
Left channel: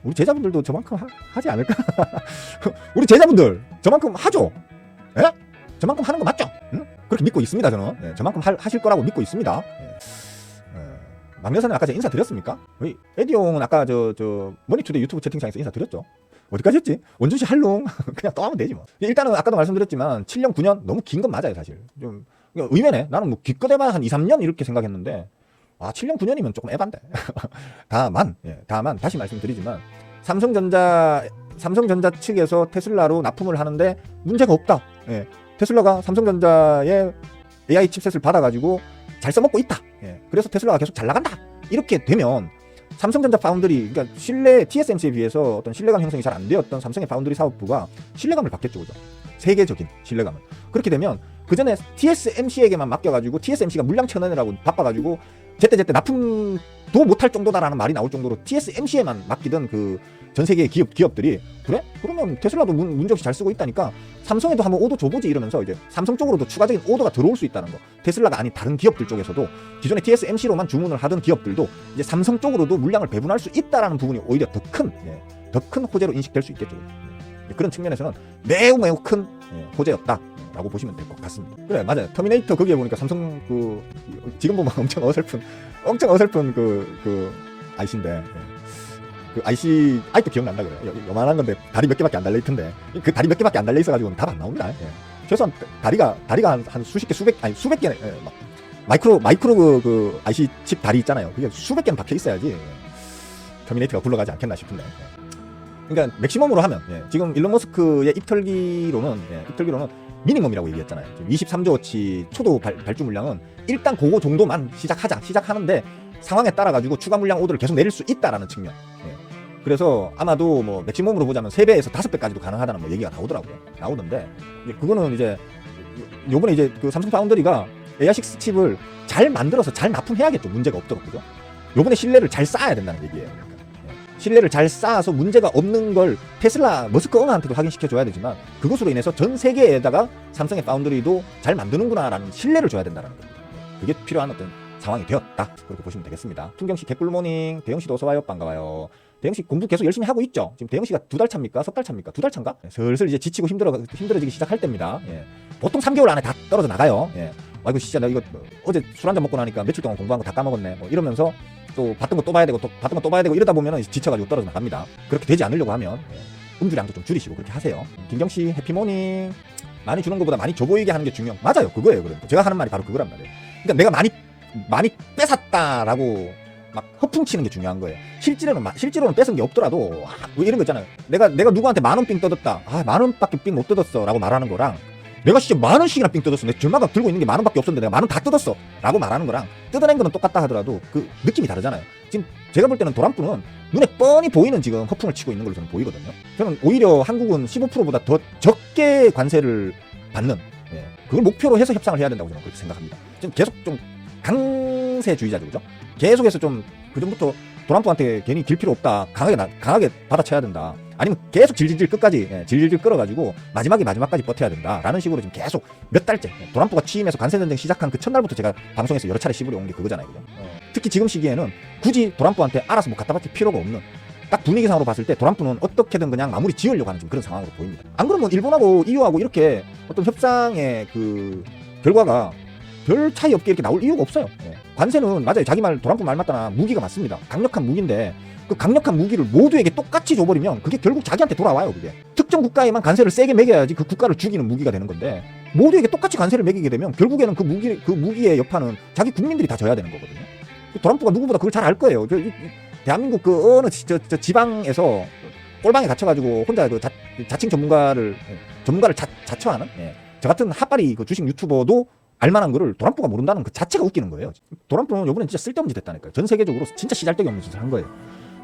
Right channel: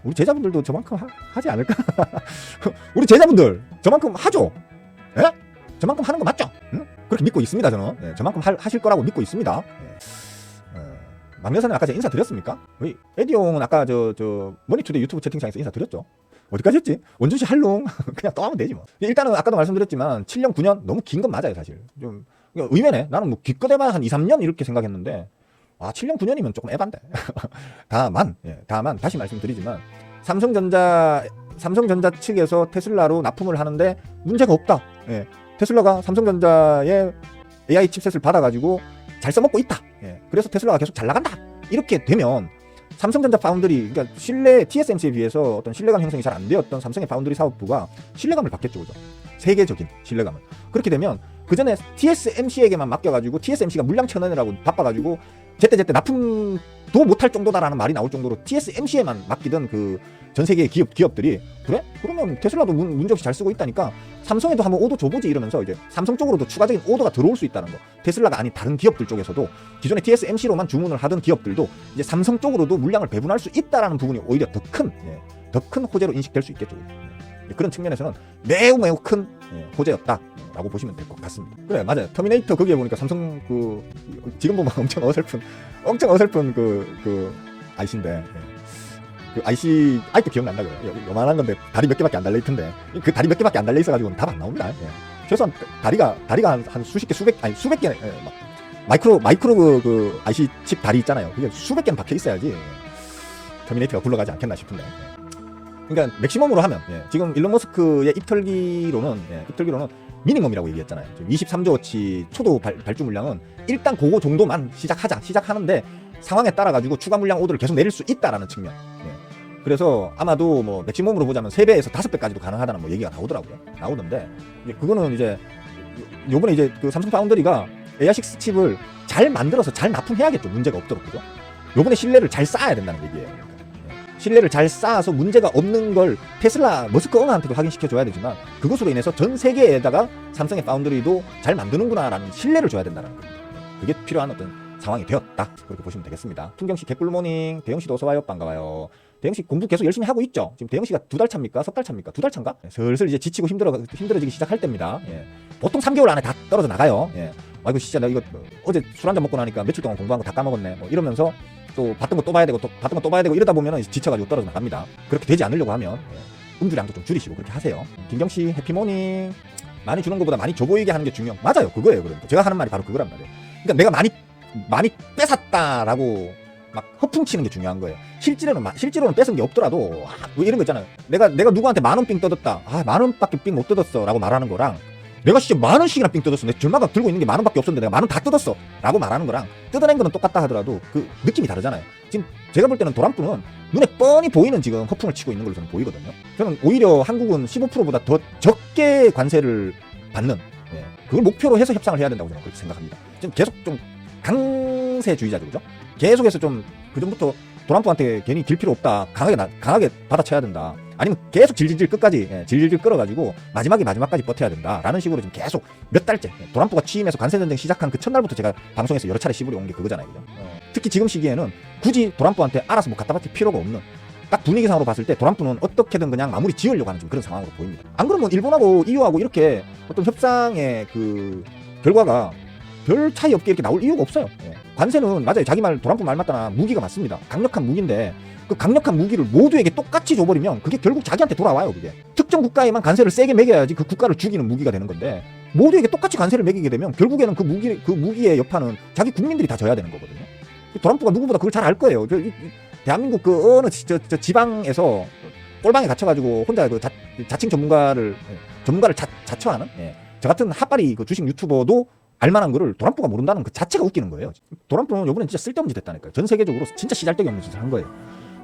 우리 제자분들도 저만큼 하지 않을까? 우리 제자분들 저만큼 하죠? 예? 저만큼 하는 거 맞죠? 응? 그렇게 믿고 있습니다, 저는. 저만큼 하실 거라고 믿고 있습니다. 막내사는 아까 제가 인사드렸습니까? 레디용은 아까 저 머니투데이 유튜브 채팅창에서 인사드렸죠? 어디까지 했지? 원준씨 할롱 그냥 또 하면 되지 뭐. 일단은 아까도 말씀드렸지만 7년 9년 너무 긴 건 맞아요, 사실. 좀 의외네. 나는 뭐 기껏 해봐야 한 2, 3년 이렇게 생각했는데 7년 9년이면 조금 에반데. 다만 다시 말씀드리지만 삼성전자 측에서 테슬라로 납품을 하는데 문제가 없다. 테슬라가 삼성전자의 AI 칩셋을 받아가지고 잘 써먹고 있다. 그래서 테슬라가 계속 잘 나간다. 이렇게 되면 삼성전자 파운드리, 그러니까 TSMC에 비해서 어떤 신뢰감 형성이 잘 안 되었던 삼성의 파운드리 사업부가 신뢰감을 받겠죠. 세계적인 신뢰감을. 그렇게 되면 그 전에 TSMC에게만 맡겨가지고 TSMC가 물량 쳐내느라고 바빠가지고 제때 납품도 못할 정도다라는 말이 나올 정도로 TSMC에만 맡기던 그 전 세계 기업들이 그래? 그러면 테슬라도 문제없이 잘 쓰고 있다니까 삼성에도 한번 오더 줘보지 이러면서 이제 삼성 쪽으로도 추가적인 오더가 들어올 수 있다는 거. 테슬라가 아닌 다른 기업들 쪽에서도 기존에 TSMC로만 주문을 하던 기업들도 이제 삼성 쪽으로도 물량을 배분할 수 있다라는 부분이 오히려 더 큰 호재로 인식될 수 있겠죠. 그런 측면에서는 매우 큰 호재였다라고 보시면 될 것 같습니다. 맞아요. 터미네이터 거기에 보니까 삼성 지금 보면 엄청 어설픈 그 IC인데. 그 IC 아직도 기억난다고요. 요만한 건데 다리 몇 개밖에 안 달려 있던데 그 다리 몇 개밖에 안 달려 있어가지고 답 안 나옵니다. 최소한 다리가 한 수십 개 수백 개 마이크로 그 IC 칩 다리 있잖아요. 그게 수백 개는 박혀 있어야지 터미네이터가 굴러가지 않겠나 싶은데. 그러니까 맥시멈으로 하면 지금 일론 머스크의 입털기로는 미니멈이라고 얘기했잖아요. 23조어치 초도 발주 물량은 일단 그거 정도만 시작하는데 상황에 따라 가지고 추가 물량 오더를 계속 내릴 수 있다라는 측면. 그래서 아마도 뭐 맥시멈으로 보자면 3배에서 5배까지도 가능하다는 뭐 얘기가 나오던데 그거는 이제 요번에 이제 그 삼성 파운드리가 AI6 칩을 잘 만들어서 잘 납품해야겠죠. 문제가 없도록. 그죠? 요번에 신뢰를 잘 쌓아야 된다는 얘기예요. 신뢰를 잘 쌓아서 문제가 없는 걸 테슬라 머스크 은하한테도 확인시켜줘야 되지만 그것으로 인해서 전 세계에다가 삼성의 파운드리도 잘 만드는구나라는 신뢰를 줘야 된다는 거예요. 그게 필요한 어떤 상황이 되었다. 그렇게 보시면 되겠습니다. 풍경씨 개꿀모닝. 대영씨도 어서와요. 반가워요. 대영씨 공부 계속 열심히 하고 있죠? 지금 대영씨가 2달 차입니까? 3달 차입니까? 2달 차인가? 슬슬 이제 지치고 힘들어지기 시작할 때입니다. 예. 보통 3개월 안에 다 떨어져 나가요. 예. 아이고 진짜 나 이거 어제 술 한잔 먹고 나니까 며칠 동안 공부한 거 다 까먹었네. 뭐 이러면서 또 봤던 거 또 봐야 되고 또 봤던 거 또 봐야 되고 이러다 보면 지쳐가지고 떨어져 나갑니다. 그렇게 되지 않으려고 하면 음주량도 좀 줄이시고 그렇게 하세요. 김정씨 해피모닝. 많이 주는 것보다 많이 줘 보이게 하는 게 중요해요. 맞아요. 그거예요. 그러니까. 제가 하는 말이 바로 그거란 말이에요. 그러니까 내가 많이 뺏었다라고 막 허풍치는 게 중요한 거예요. 실제로는 뺏은 게 없더라도 뭐 이런 거 있잖아요. 내가 누구한테 10,000원 삥 뜯었다. 10,000원밖에 삥 못 뜯었어 라고 말하는 거랑 내가 진짜 10,000원씩이나 삥 뜯었어. 내 전화가 들고 있는 게 10,000원밖에 없었는데 내가 10,000원 다 뜯었어 라고 말하는 거랑 뜯어낸 거는 똑같다 하더라도 그 느낌이 다르잖아요. 지금 제가 볼 때는 도란프는 눈에 뻔히 보이는 지금 허풍을 치고 있는 걸로 저는 보이거든요. 저는 오히려 한국은 15%보다 더 적게 관세를 받는 그걸 목표로 해서 협상을 해야 된다고 저는 그렇게 생각합니다. 지금 계속 좀 강세주의자죠, 그죠? 계속해서 좀 그전부터 도란프한테 괜히 질 필요 없다, 강하게 받아쳐야 된다. 아니면 계속 질질질 끝까지 질질질 끌어가지고 마지막까지 버텨야 된다 라는 식으로 지금 계속 몇 달째 도란프가 취임해서 관세전쟁 시작한 그 첫날부터 제가 방송에서 여러 차례 시부려 온 게 그거잖아요, 그죠? 특히 지금 시기에는 굳이 도란프한테 알아서 뭐 갖다 바칠 필요가 없는 딱 분위기상으로 봤을 때 도란프는 어떻게든 그냥 마무리 지으려고 하는 좀 그런 상황으로 보입니다. 안 그러면 일본하고 EU하고 이렇게 어떤 협상의 그 결과가 별 차이 없게 이렇게 나올 이유가 없어요. 관세는 맞아요. 자기 말 도란프 말 맞거나 무기가 맞습니다. 강력한 무기인데 그 강력한 무기를 모두에게 똑같이 줘버리면 그게 결국 자기한테 돌아와요. 그게 특정 국가에만 관세를 세게 매겨야지 그 국가를 죽이는 무기가 되는 건데 모두에게 똑같이 관세를 매기게 되면 결국에는 그 무기의 여파는 자기 국민들이 다 져야 되는 거거든요. 도란프가 누구보다 그걸 잘 알 거예요. 대한민국 그 어느 지방에서 꼴방에 갇혀가지고 혼자 그 자칭 전문가를 자처하는 저 같은 핫바리 그 주식 유튜버도 알만한 거를 도란프가 모른다는 그 자체가 웃기는 거예요. 도란프는 요번엔 진짜 쓸데없는 짓 했다니까요. 전 세계적으로 진짜 시잘데기 없는 짓을 한 거예요.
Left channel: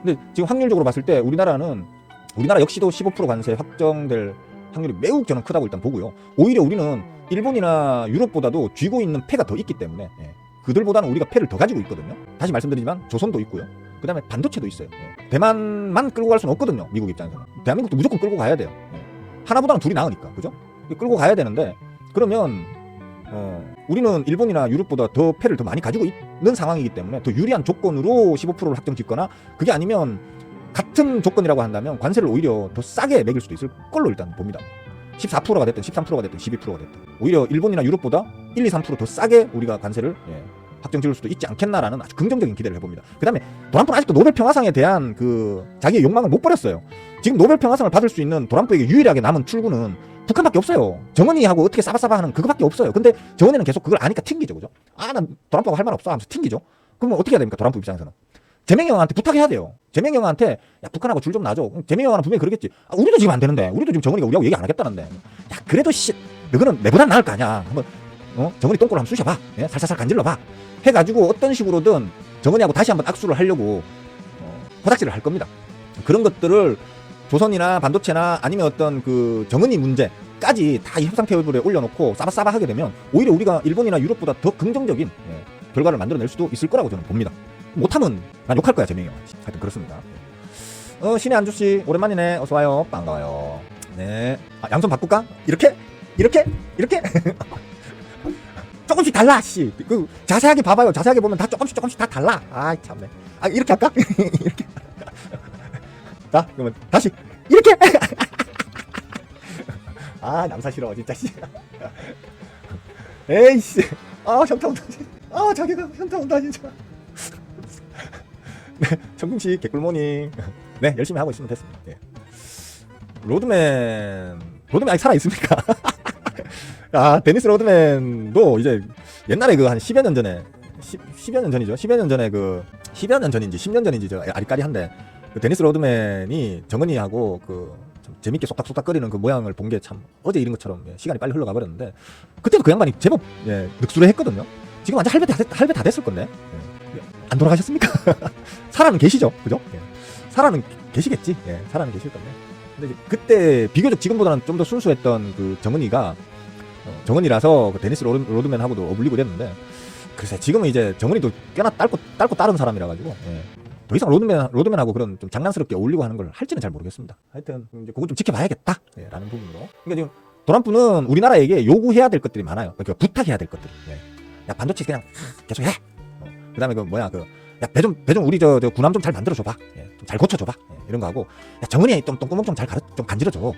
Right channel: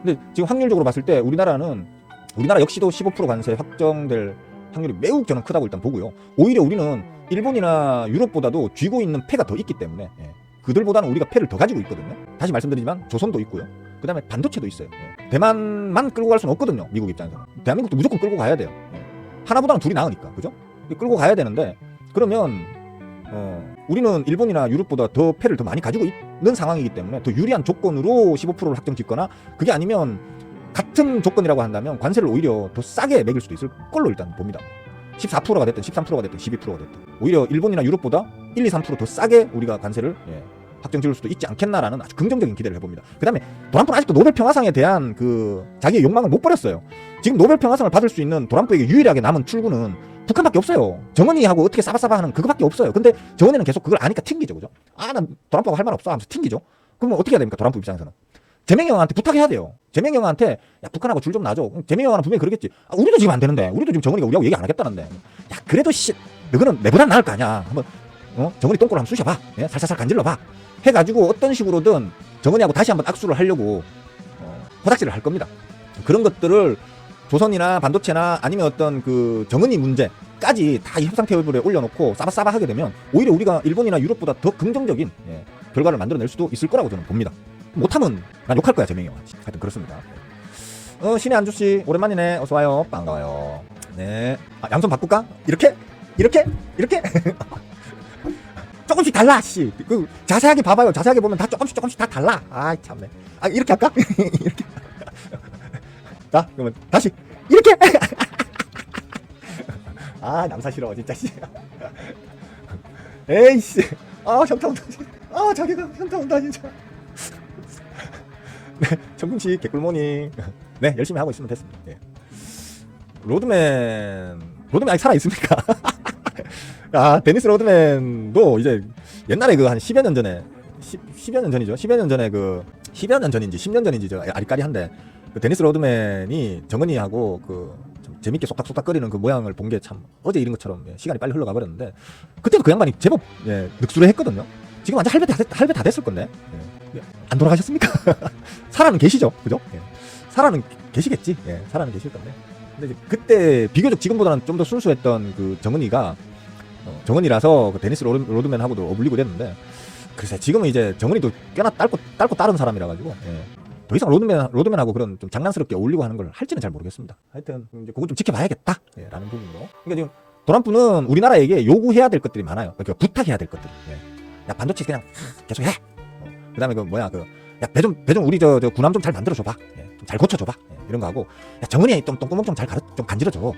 근데 지금 확률적으로 봤을 때 우리나라 역시도 15% 관세 확정될 확률이 매우 저는 크다고 일단 보고요. 오히려 우리는 일본이나 유럽보다도 쥐고 있는 패가 더 있기 때문에 그들보다는 우리가 패를 더 가지고 있거든요. 다시 말씀드리지만 조선도 있고요. 그 다음에 반도체도 있어요. 대만만 끌고 갈 수는 없거든요. 미국 입장에서. 대한민국도 무조건 끌고 가야 돼요. 하나보다는 둘이 나으니까. 그죠? 끌고 가야 되는데 그러면 우리는 일본이나 유럽보다 더 패를 더 많이 가지고 있는 상황이기 때문에 더 유리한 조건으로 15%를 확정 짓거나 그게 아니면 같은 조건이라고 한다면 관세를 오히려 더 싸게 매길 수도 있을 걸로 일단 봅니다. 14%가 됐든 13%가 됐든 12%가 됐든 오히려 일본이나 유럽보다 1, 2, 3%더 싸게 우리가 관세를 확정 지을 수도 있지 않겠나라는 아주 긍정적인 기대를 해봅니다. 그 다음에 도란프는 아직도 노벨 평화상에 대한 그 자기의 욕망을 못 버렸어요. 지금 노벨 평화상을 받을 수 있는 도란프에게 유일하게 남은 출구는 북한밖에 없어요. 정은이하고 어떻게 싸바싸바 하는 그거밖에 없어요. 근데 정은이는 계속 그걸 아니까 튕기죠, 그죠? 난 도란프하고 할 말 없어 하면서 튕기죠. 그러면 어떻게 해야 됩니까, 도란프 입장에서는? 재명이 형한테 부탁해야 돼요. 재명이 형한테 야 북한하고 줄 좀 놔줘. 재명이 형은 분명히 그러겠지. 우리도 지금 안 되는데, 우리도 지금 정은이가 우리하고 얘기 안 하겠다는데. 야 그래도 너는 내보다 나을 거 아니야. 한번 정은이 똥꼬를 한번 쑤셔봐. 살살살 간질러봐. 해가지고 어떤 식으로든 정은이하고 다시 한번 악수를 하려고 고닥지를 할 겁니다. 그런 것들을 조선이나 반도체나 아니면 어떤 그 정은이 문제까지 다 협상 테이블에 올려놓고 싸바싸바 하게 되면 오히려 우리가 일본이나 유럽보다 더 긍정적인 결과를 만들어낼 수도 있을 거라고 저는 봅니다. 못하면 난 욕할 거야, 재명이가. 하여튼 그렇습니다. 신의 안주씨 오랜만이네. 어서와요. 반가워요. 네. 양손 바꿀까? 이렇게? 조금씩 달라, 씨. 그 자세하게 봐봐요. 자세하게 보면 다 조금씩 다 달라. 아이 참네. 이렇게 할까? 이렇게. 자, 그러면 다시 이렇게. 영사 싫어, 진짜 싫어. 에이씨. 현타 온다. 자기가 현타 온다, 진짜. 네, 정금씨 개꿀모닝. 네, 열심히 하고 있으면 됐습니다. 로드맨 아직 살아있습니까? 데니스 로드맨도 이제 옛날에 그 한 10여 년 전에 10여 년 전이죠. 10여 년 전에 10여 년 전인지 10년 전인지 저 아리까리한데 그 데니스 로드맨이 정은이하고 좀 재밌게 속닥속닥거리는 그 모양을 본 게 참 어제 이런 것처럼 시간이 빨리 흘러가 버렸는데 그때도 그 양반이 제법 늑술했거든요. 지금 완전 할배 다 됐을 건데 안 돌아가셨습니까? 살아는 계시죠, 그죠? 살아는 계시겠지. 살아는 계실 겁니다. 근데 그때 비교적 지금보다는 좀 더 순수했던 그 정은이라서 데니스 로드맨하고도 어울리고 그랬는데 글쎄 지금은 이제 정은이도 꽤나 딸고 따른 사람이라 가지고 더 이상 로드맨하고 그런 좀 장난스럽게 어울리고 하는 걸 할지는 잘 모르겠습니다. 하여튼 이제 그거 좀 지켜봐야겠다 라는 부분으로. 근데 지금 도란프는 우리나라에게 요구해야 될 것들이 많아요. 그러니까 부탁해야 될 것들. 야 반도체 그냥 계속 해. 그다음에 그 뭐야 야, 배 좀 우리 저 군함 좀 잘 만들어줘봐. 좀 잘 고쳐줘봐. 이런 거 하고 야, 정은이 똥구멍 좀 잘 좀 간지러줘.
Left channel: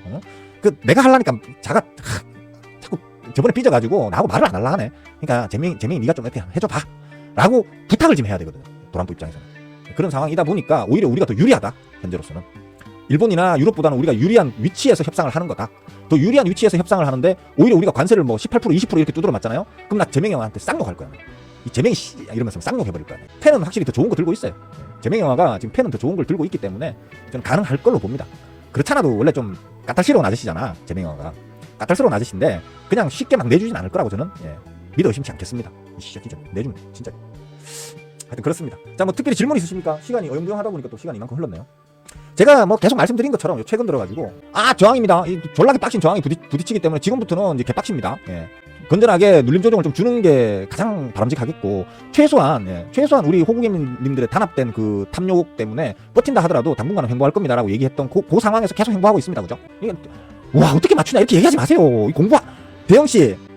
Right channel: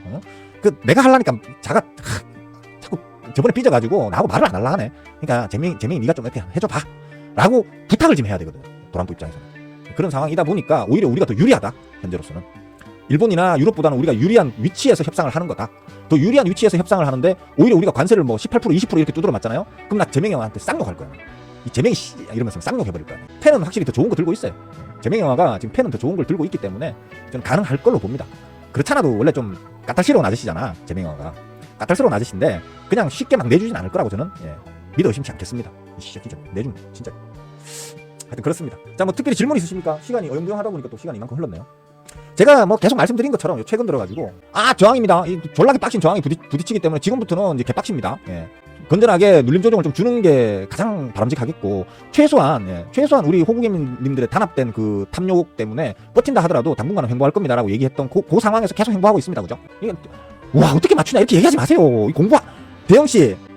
그 내가 하려니까 자꾸 저번에 삐져가지고 나하고 말을 안 할라 하네. 그러니까 재민이 네가 좀 이렇게 해줘봐. 라고 부탁을 좀 해야 되거든. 도란부 입장에서. 그런 상황이다 보니까 오히려 우리가 더 유리하다. 현재로서는. 일본이나 유럽보다는 우리가 유리한 위치에서 협상을 하는 거다. 더 유리한 위치에서 협상을 하는데 오히려 우리가 관세를 뭐 18%, 20% 이렇게 두드려 맞잖아요. 그럼 나 재명이 형한테 쌍욕할 거야. 이 재명이 씨 이러면서 쌍욕해버릴 거야. 펜은 확실히 더 좋은 거 들고 있어요. 재명이 형아가 지금 펜은 더 좋은 걸 들고 있기 때문에 좀 가능할 걸로 봅니다. 그렇잖아도 원래 좀 까탈스러운 아저씨잖아. 재명이 형아가. 까탈스러운 아저씨인데 그냥 쉽게 막 내주진 않을 거라고 저는 믿어 의심치 않겠습니다. 진짜 내주면 진짜. 하여튼 그렇습니다. 자, 뭐 특별히 질문 있으십니까? 시간이 어영부영하다 보니까 또 시간이 이만큼 흘렀네요. 제가 뭐 계속 말씀드린 것처럼 최근 들어가지고 저항입니다. 졸라게 빡신 저항이 부딪히기 때문에 지금부터는 이제 개빡십니다. 건전하게 눌림 조정을 좀 주는 게 가장 바람직하겠고 최소한 우리 호국민님들의 단합된 그 탐욕 때문에 버틴다 하더라도 당분간은 행보할 겁니다라고 얘기했던 그 상황에서 계속 행보하고 있습니다. 그죠? 와 어떻게 맞추나 이렇게 얘기하지 마세요.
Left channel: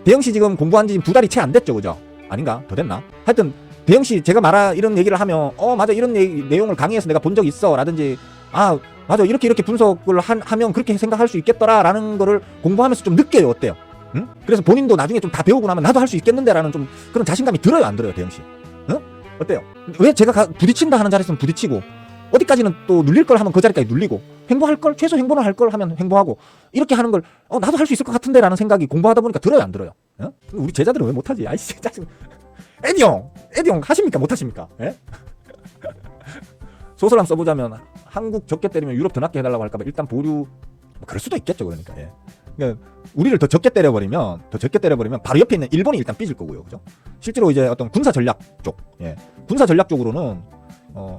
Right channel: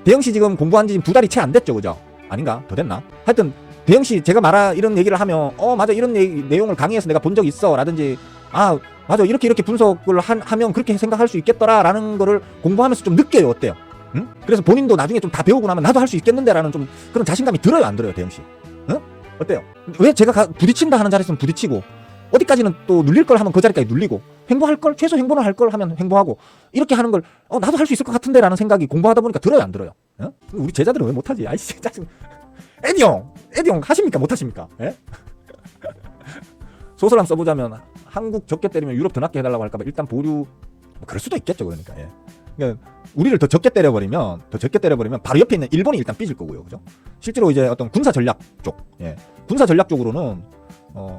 대영씨 지금 공부한 지 2달이 채 안 됐죠. 그죠? 아닌가? 더 됐나? 하여튼 대영씨 제가 이런 얘기를 하면 맞아 이런 내용을 강의에서 내가 본 적 있어 라든지 맞아 이렇게 분석을 하면 그렇게 생각할 수 있겠더라 라는 거를 공부하면서 좀 느껴요. 어때요? 응? 그래서 본인도 나중에 좀 다 배우고 나면 나도 할 수 있겠는데 라는 좀 그런 자신감이 들어요 안 들어요 대영씨? 응? 어때요? 왜 제가 부딪힌다 하는 자리에서는 부딪히고 어디까지는 또 눌릴 걸 하면 그 자리까지 눌리고 행보할 걸 최소 행보를 할 걸 하면 행보하고 이렇게 하는 걸 나도 할 수 있을 것 같은데 라는 생각이 공부하다 보니까 들어요 안 들어요? 응? 우리 제자들은 왜 못하지? 아이씨 짜증. 에디 형 하십니까 못하십니까? 소설 한번 써보자면 한국 적게 때리면 유럽 더 낮게 해달라고 할까봐 일단 보류 그럴 수도 있겠죠. 그러니까 우리를 더 적게 때려버리면 바로 옆에 있는 일본이 일단 삐질 거고요. 그죠? 실제로 이제 어떤 군사 전략 쪽 군사 전략 쪽으로는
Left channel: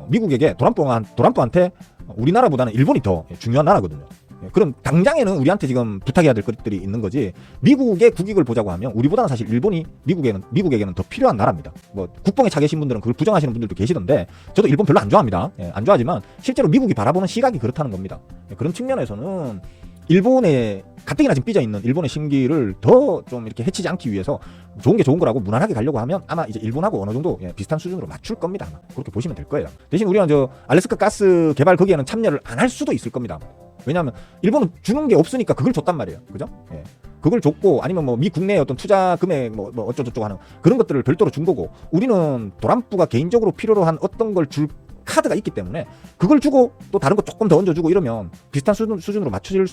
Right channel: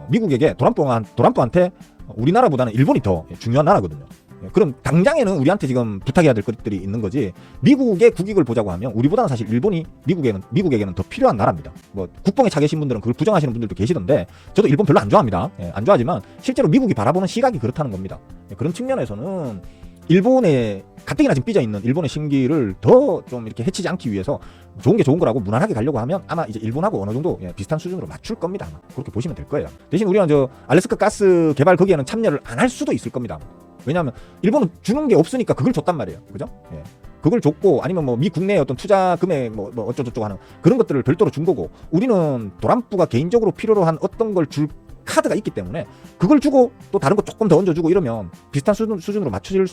미국에게 도란도한테 우리나라보다는 일본이 더 중요한 나라거든요. 그럼 당장에는 우리한테 지금 부탁해야 될 것들이 있는 거지. 미국의 국익을 보자고 하면 우리보다는 사실 일본이 미국에게는 더 필요한 나라입니다. 뭐 국뽕에 차 계신 분들은 그걸 부정하시는 분들도 계시던데 저도 일본 별로 안 좋아합니다. 안 좋아하지만 실제로 미국이 바라보는 시각이 그렇다는 겁니다. 그런 측면에서는 일본의 가뜩이나 지금 삐져있는 일본의 심기를 더 좀 이렇게 해치지 않기 위해서 좋은 게 좋은 거라고 무난하게 가려고 하면 아마 이제 일본하고 어느 정도 비슷한 수준으로 맞출 겁니다. 아마. 그렇게 보시면 될 거예요. 대신 우리는 알래스카 가스 개발 거기에는 참여를 안 할 수도 있을 겁니다. 왜냐하면 일본은 주는 게 없으니까 그걸 줬단 말이에요. 그죠? 그걸 줬고 아니면 뭐 미 국내의 어떤 투자 금액 뭐 어쩌고저쩌고 하는 그런 것들을 별도로 준 거고 우리는 도란부가 개인적으로 필요로 한 어떤 걸 줄 카드가 있기 때문에 그걸 주고 또 다른 거 조금 더 얹어주고 이러면 비슷한 수준으로 맞춰질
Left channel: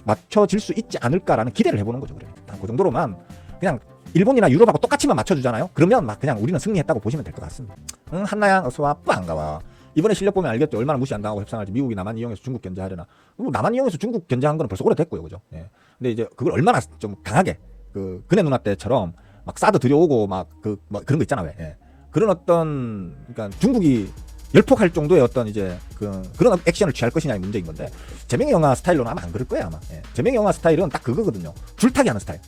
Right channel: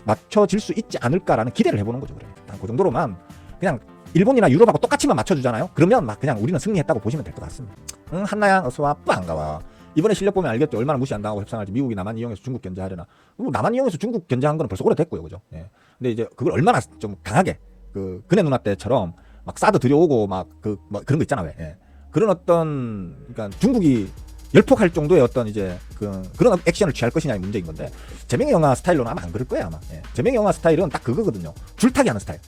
수 있지 않을까라는 기대를 해보는 거죠. 그 정도로만 그냥 일본이나 유럽하고 똑같이만 맞춰주잖아요. 그러면 그냥 우리는 승리했다고 보시면 될 것 같습니다. 한나양 어서와 반가워. 이번에 실력 보면 알겠죠. 얼마나 무시한다고 협상할지. 미국이 남한 이용해서 중국 견제하려나. 남한 이용해서 중국 견제한 거는 벌써 오래됐고요. 그죠? 근데 이제 그걸 얼마나 좀 강하게 그네 누나 때처럼 막 사드 들여오고 그런 거 있잖아. 왜. 그런 어떤 그러니까 중국이 열폭할 정도의 어떤 이제 그런 액션을 취할 것이냐의 문제인 건데 재명이 영화 스타일로는 아마 안 그럴 거야. 재명이 영화 스타일은 딱 그거거든요. 줄타기 하는 스타일.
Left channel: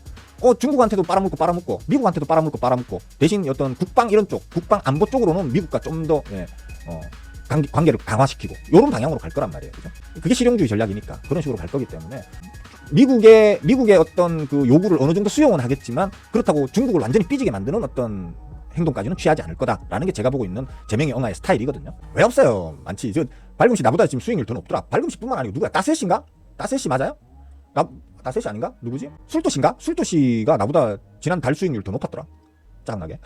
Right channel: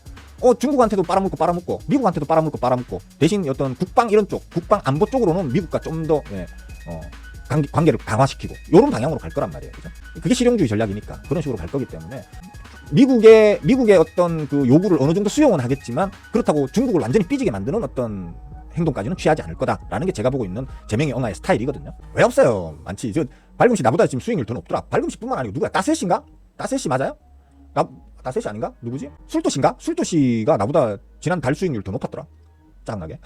중국한테도 빨아먹고 미국한테도 빨아먹고 대신 어떤 국방 이런 쪽 국방 안보 쪽으로는 미국과 좀 더 관계를 강화시키고 이런 방향으로 갈 거란 말이에요. 그죠? 그게 실용주의 전략이니까 그런 식으로 갈 거기 때문에 미국의 어떤 그 요구를 어느 정도 수용은 하겠지만 그렇다고 중국을 완전히 삐지게 만드는 어떤 행동까지는 취하지 않을 거다라는 게 제가 보고 있는 재명이 영화의 스타일이거든요. 왜 없어요? 많지. 발금씨 나보다 지금 수익률 더 높더라. 발금씨뿐만 아니고 누구야? 따세씨인가? 따세씨 맞아요? 따세씨 아닌가? 누구지? 술도씨인가? 술도씨가 나보다 지난 달 수익률 더 높았더라. 짜증나게.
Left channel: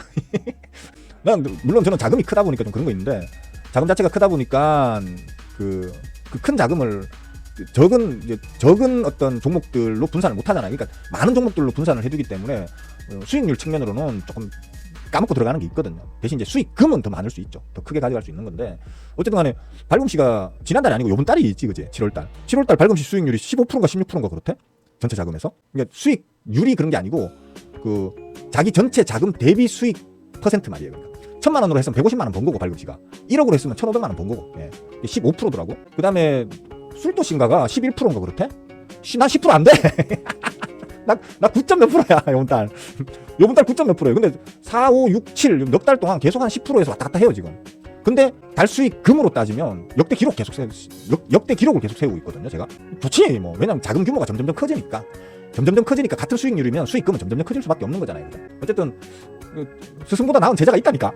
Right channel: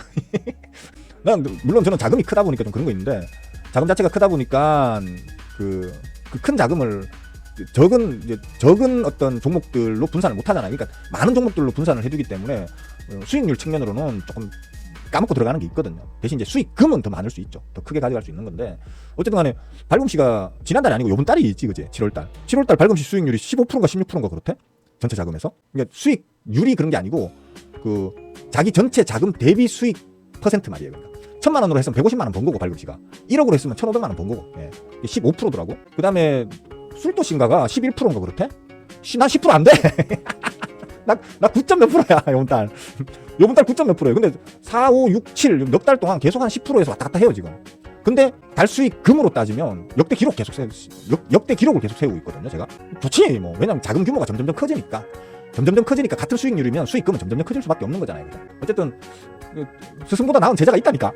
물론 저는 자금이 크다 보니까 좀 그런 거 있는데 자금 자체가 크다 보니까 그 큰 자금을 적은 어떤 종목들로 분산을 못 하잖아요. 그러니까 많은 종목들로 분산을 해두기 때문에 수익률 측면으로는 조금 까먹고 들어가는 게 있거든요. 대신 이제 수익금은 더 많을 수 있죠. 더 크게 가져갈 수 있는 건데 어쨌든 간에 발금씨가 지난달이 아니고 이번 달이지 그지? 7월달 발금씨 수익률이 15%인가 16%인가 그렇대? 전체 자금에서. 그러니까 수익률이 그런 게 아니고 자기 전체 자금 대비 수익 퍼센트 말이에요. 1,000만 원으로 했으면 150만 원 번 거고 발금씨가 1억으로 했으면 1,500만 원 번 거고 15%도 하고 그 다음에 술도신가가 11%인가 그렇대? 난 10% 안 돼. 나 9점 몇 프로야 이번 달 9점 몇 프로예요. 근데 4, 5, 6, 7 넉 달 동안 계속 한 10%에서 왔다 갔다 해요 지금. 근데 달수익 금으로 따지면 역대 기록은 계속 세우고 있거든요 제가. 그렇지 뭐 왜냐면 자금 규모가 점점점 커지니까 같은 수익률이면 수익금은 점점점 커질 수밖에 없는 거잖아요. 그죠? 어쨌든 스승보다 나은 제자가 있다니까.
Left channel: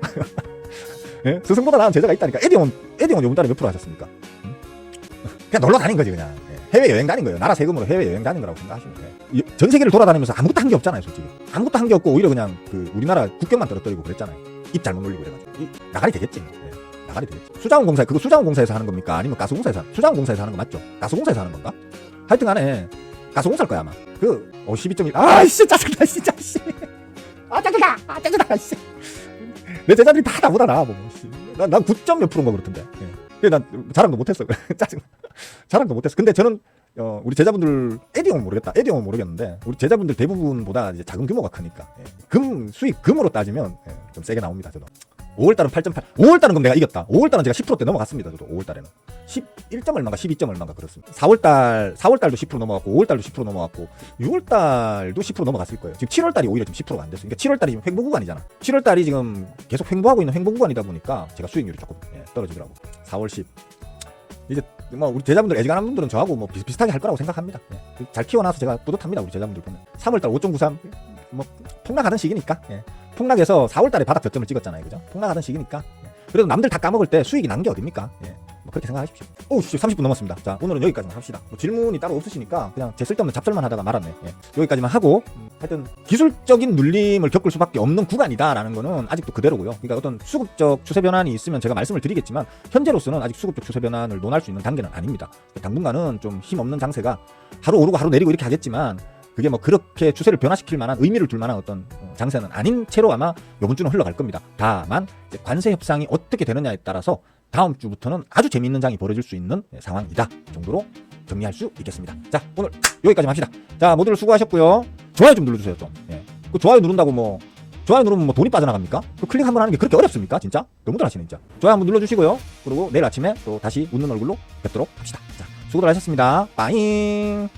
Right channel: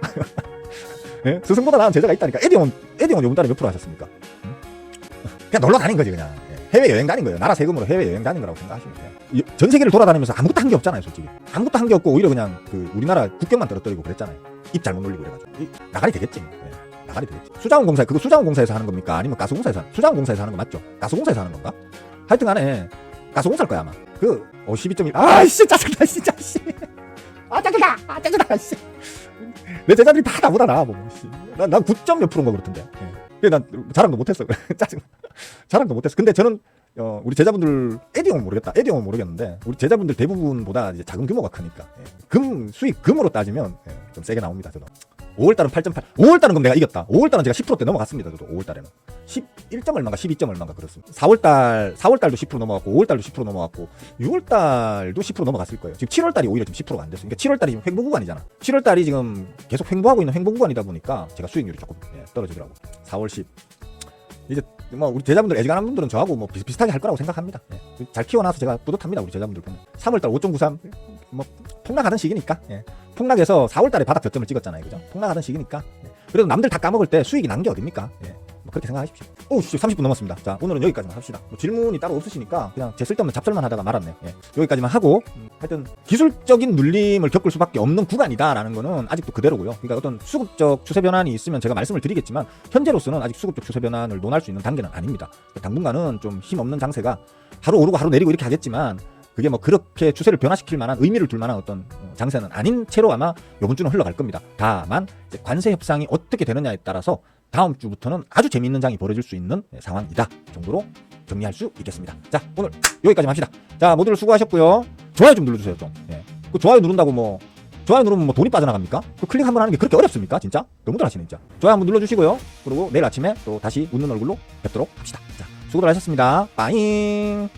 예? 스승보다 나은 제자가 있다니까. 에디형은 요번 달에 몇 프로 하셨습니까? 응? 그냥 놀러 다닌 거지 그냥. 예. 해외여행 다닌 거예요. 나라 세금으로 해외여행 다닌 거라고 생각하시고. 예. 전 세계를 돌아다니면서 아무것도 한 게 없잖아요, 솔직히. 아무것도 한 게 없고 오히려 그냥 그 우리나라 국경만 떨어뜨리고 그랬잖아요. 입 잘못 놀리고 그래가지고. 나가리 되겠지. 예. 나가리 되겠지. 수자원공사, 그거 수자원공사에서 하는 겁니까? 아니면 가스공사에서 수자원공사에서 하는 거 맞죠? 가스공사에서 하는 건가? 하여튼 간에 가스공사일 거야 아마. 12.1. 아이씨 짜증나 진짜 씨. 아 짜증나 씨. 내 제자들이 다 나보다 나하고. 난 9점 몇 프로인 거 그렇던데. 예. 그래 난 자랑도 못했어. 짜증. 자랑도 못했어. 근데 저는 우리 제자분들 에디형은 모르겠다. 에디형은 모르겠는데 우리 제자분들 대부분보다 이제 작은 규모가 크니까 수익 금으로 따지면 좀 세게 나옵니다. 저는 5월달은 8.8. 5월달은 그럼 내가 이겼다. 5월달은 제가 10%대 넘어갔습니다. 저도 5월달에는 11점 얼마가 12점 얼마가 그랬어. 4월달도 10% 넘어갔고 5월달도 10% 넘어갔고 6월달도 10% 넘어갔을 거예요. 지금 7월달이 오히려 10%가 안 됐어요. 그러니까 7월달이 지금 횡보 구간이잖아. 7월달이 지금 계속 횡보하고 있는 횡보 구간이다 보니까 제가 수익률이 조금 떨어지더라고. 4월 10. 이제 뭐 우리 제자분들 애지간한 분들은 저하고 뭐 비슷하게 할 거라고 생각합니다. 잘 키워놔서 제가 뿌듯합니다. 우리 제자분들. 3월달 5.93 뭐 폭락하던 시기니까. 폭락해서 4월달에 바닥 저점을 찍었잖아요. 그죠? 폭락하던 시기니까. 그래도 남들 다 까먹을 때 수익이 난 게 어딥니까? 뭐 그렇게 생각하십시오. 30분 넘었습니다. 자, 오늘은 여기까지만 합시다. 뭐 질문이 따로 없으시니까 그냥 제 쓸데없는 잡설만 하다가 말았네. 여기까지만 하고, 하여튼 기술적인 눌림을 겪을 수밖에 없는 구간이다라는 거는 아직도 그대로고요. 그러니까 어떤 수급적 추세 변환이 있으면 제가 말씀을 드리겠지만 현재로서는 아직 수급적 추세 변환을 논할 수 있는 단계는 아닙니다. 당분간은 좀 힘없는 장세가 하루 오르고 하루 내리고 이렇게 하겠지만 그게 뭐 그렇게 추세를 변화시킬 만한 의미를 둘 만한 어떤 장세는 아닌 채로 아마 이번 주는 흘러갈 겁니다. 다만 이제 관세 협상이 어떻게 되느냐에 따라서 다음 주부터는 아주 재미있는 장이 벌어질 수 있는 상황이다 정도로 정리할 수 있겠습니다. 자, 오늘 여기까지 합시다. 자, 모두들 수고하셨고요. 좋아요 좀 눌러주세요 좀. 그 좋아요 누른다고 뭐 좋아요 누르면 뭐 돈이 빠져나갑니까? 그 클릭 한번 하는 게 그렇게 어렵습니까? 진짜? 너무 잘하시네 진짜. 좋아요 한번 눌러주시고요. 그리고 내일 아침에 또 다시 웃는 얼굴로 뵙도록 합시다. 자, 수고들 하셨습니다. 빠잉.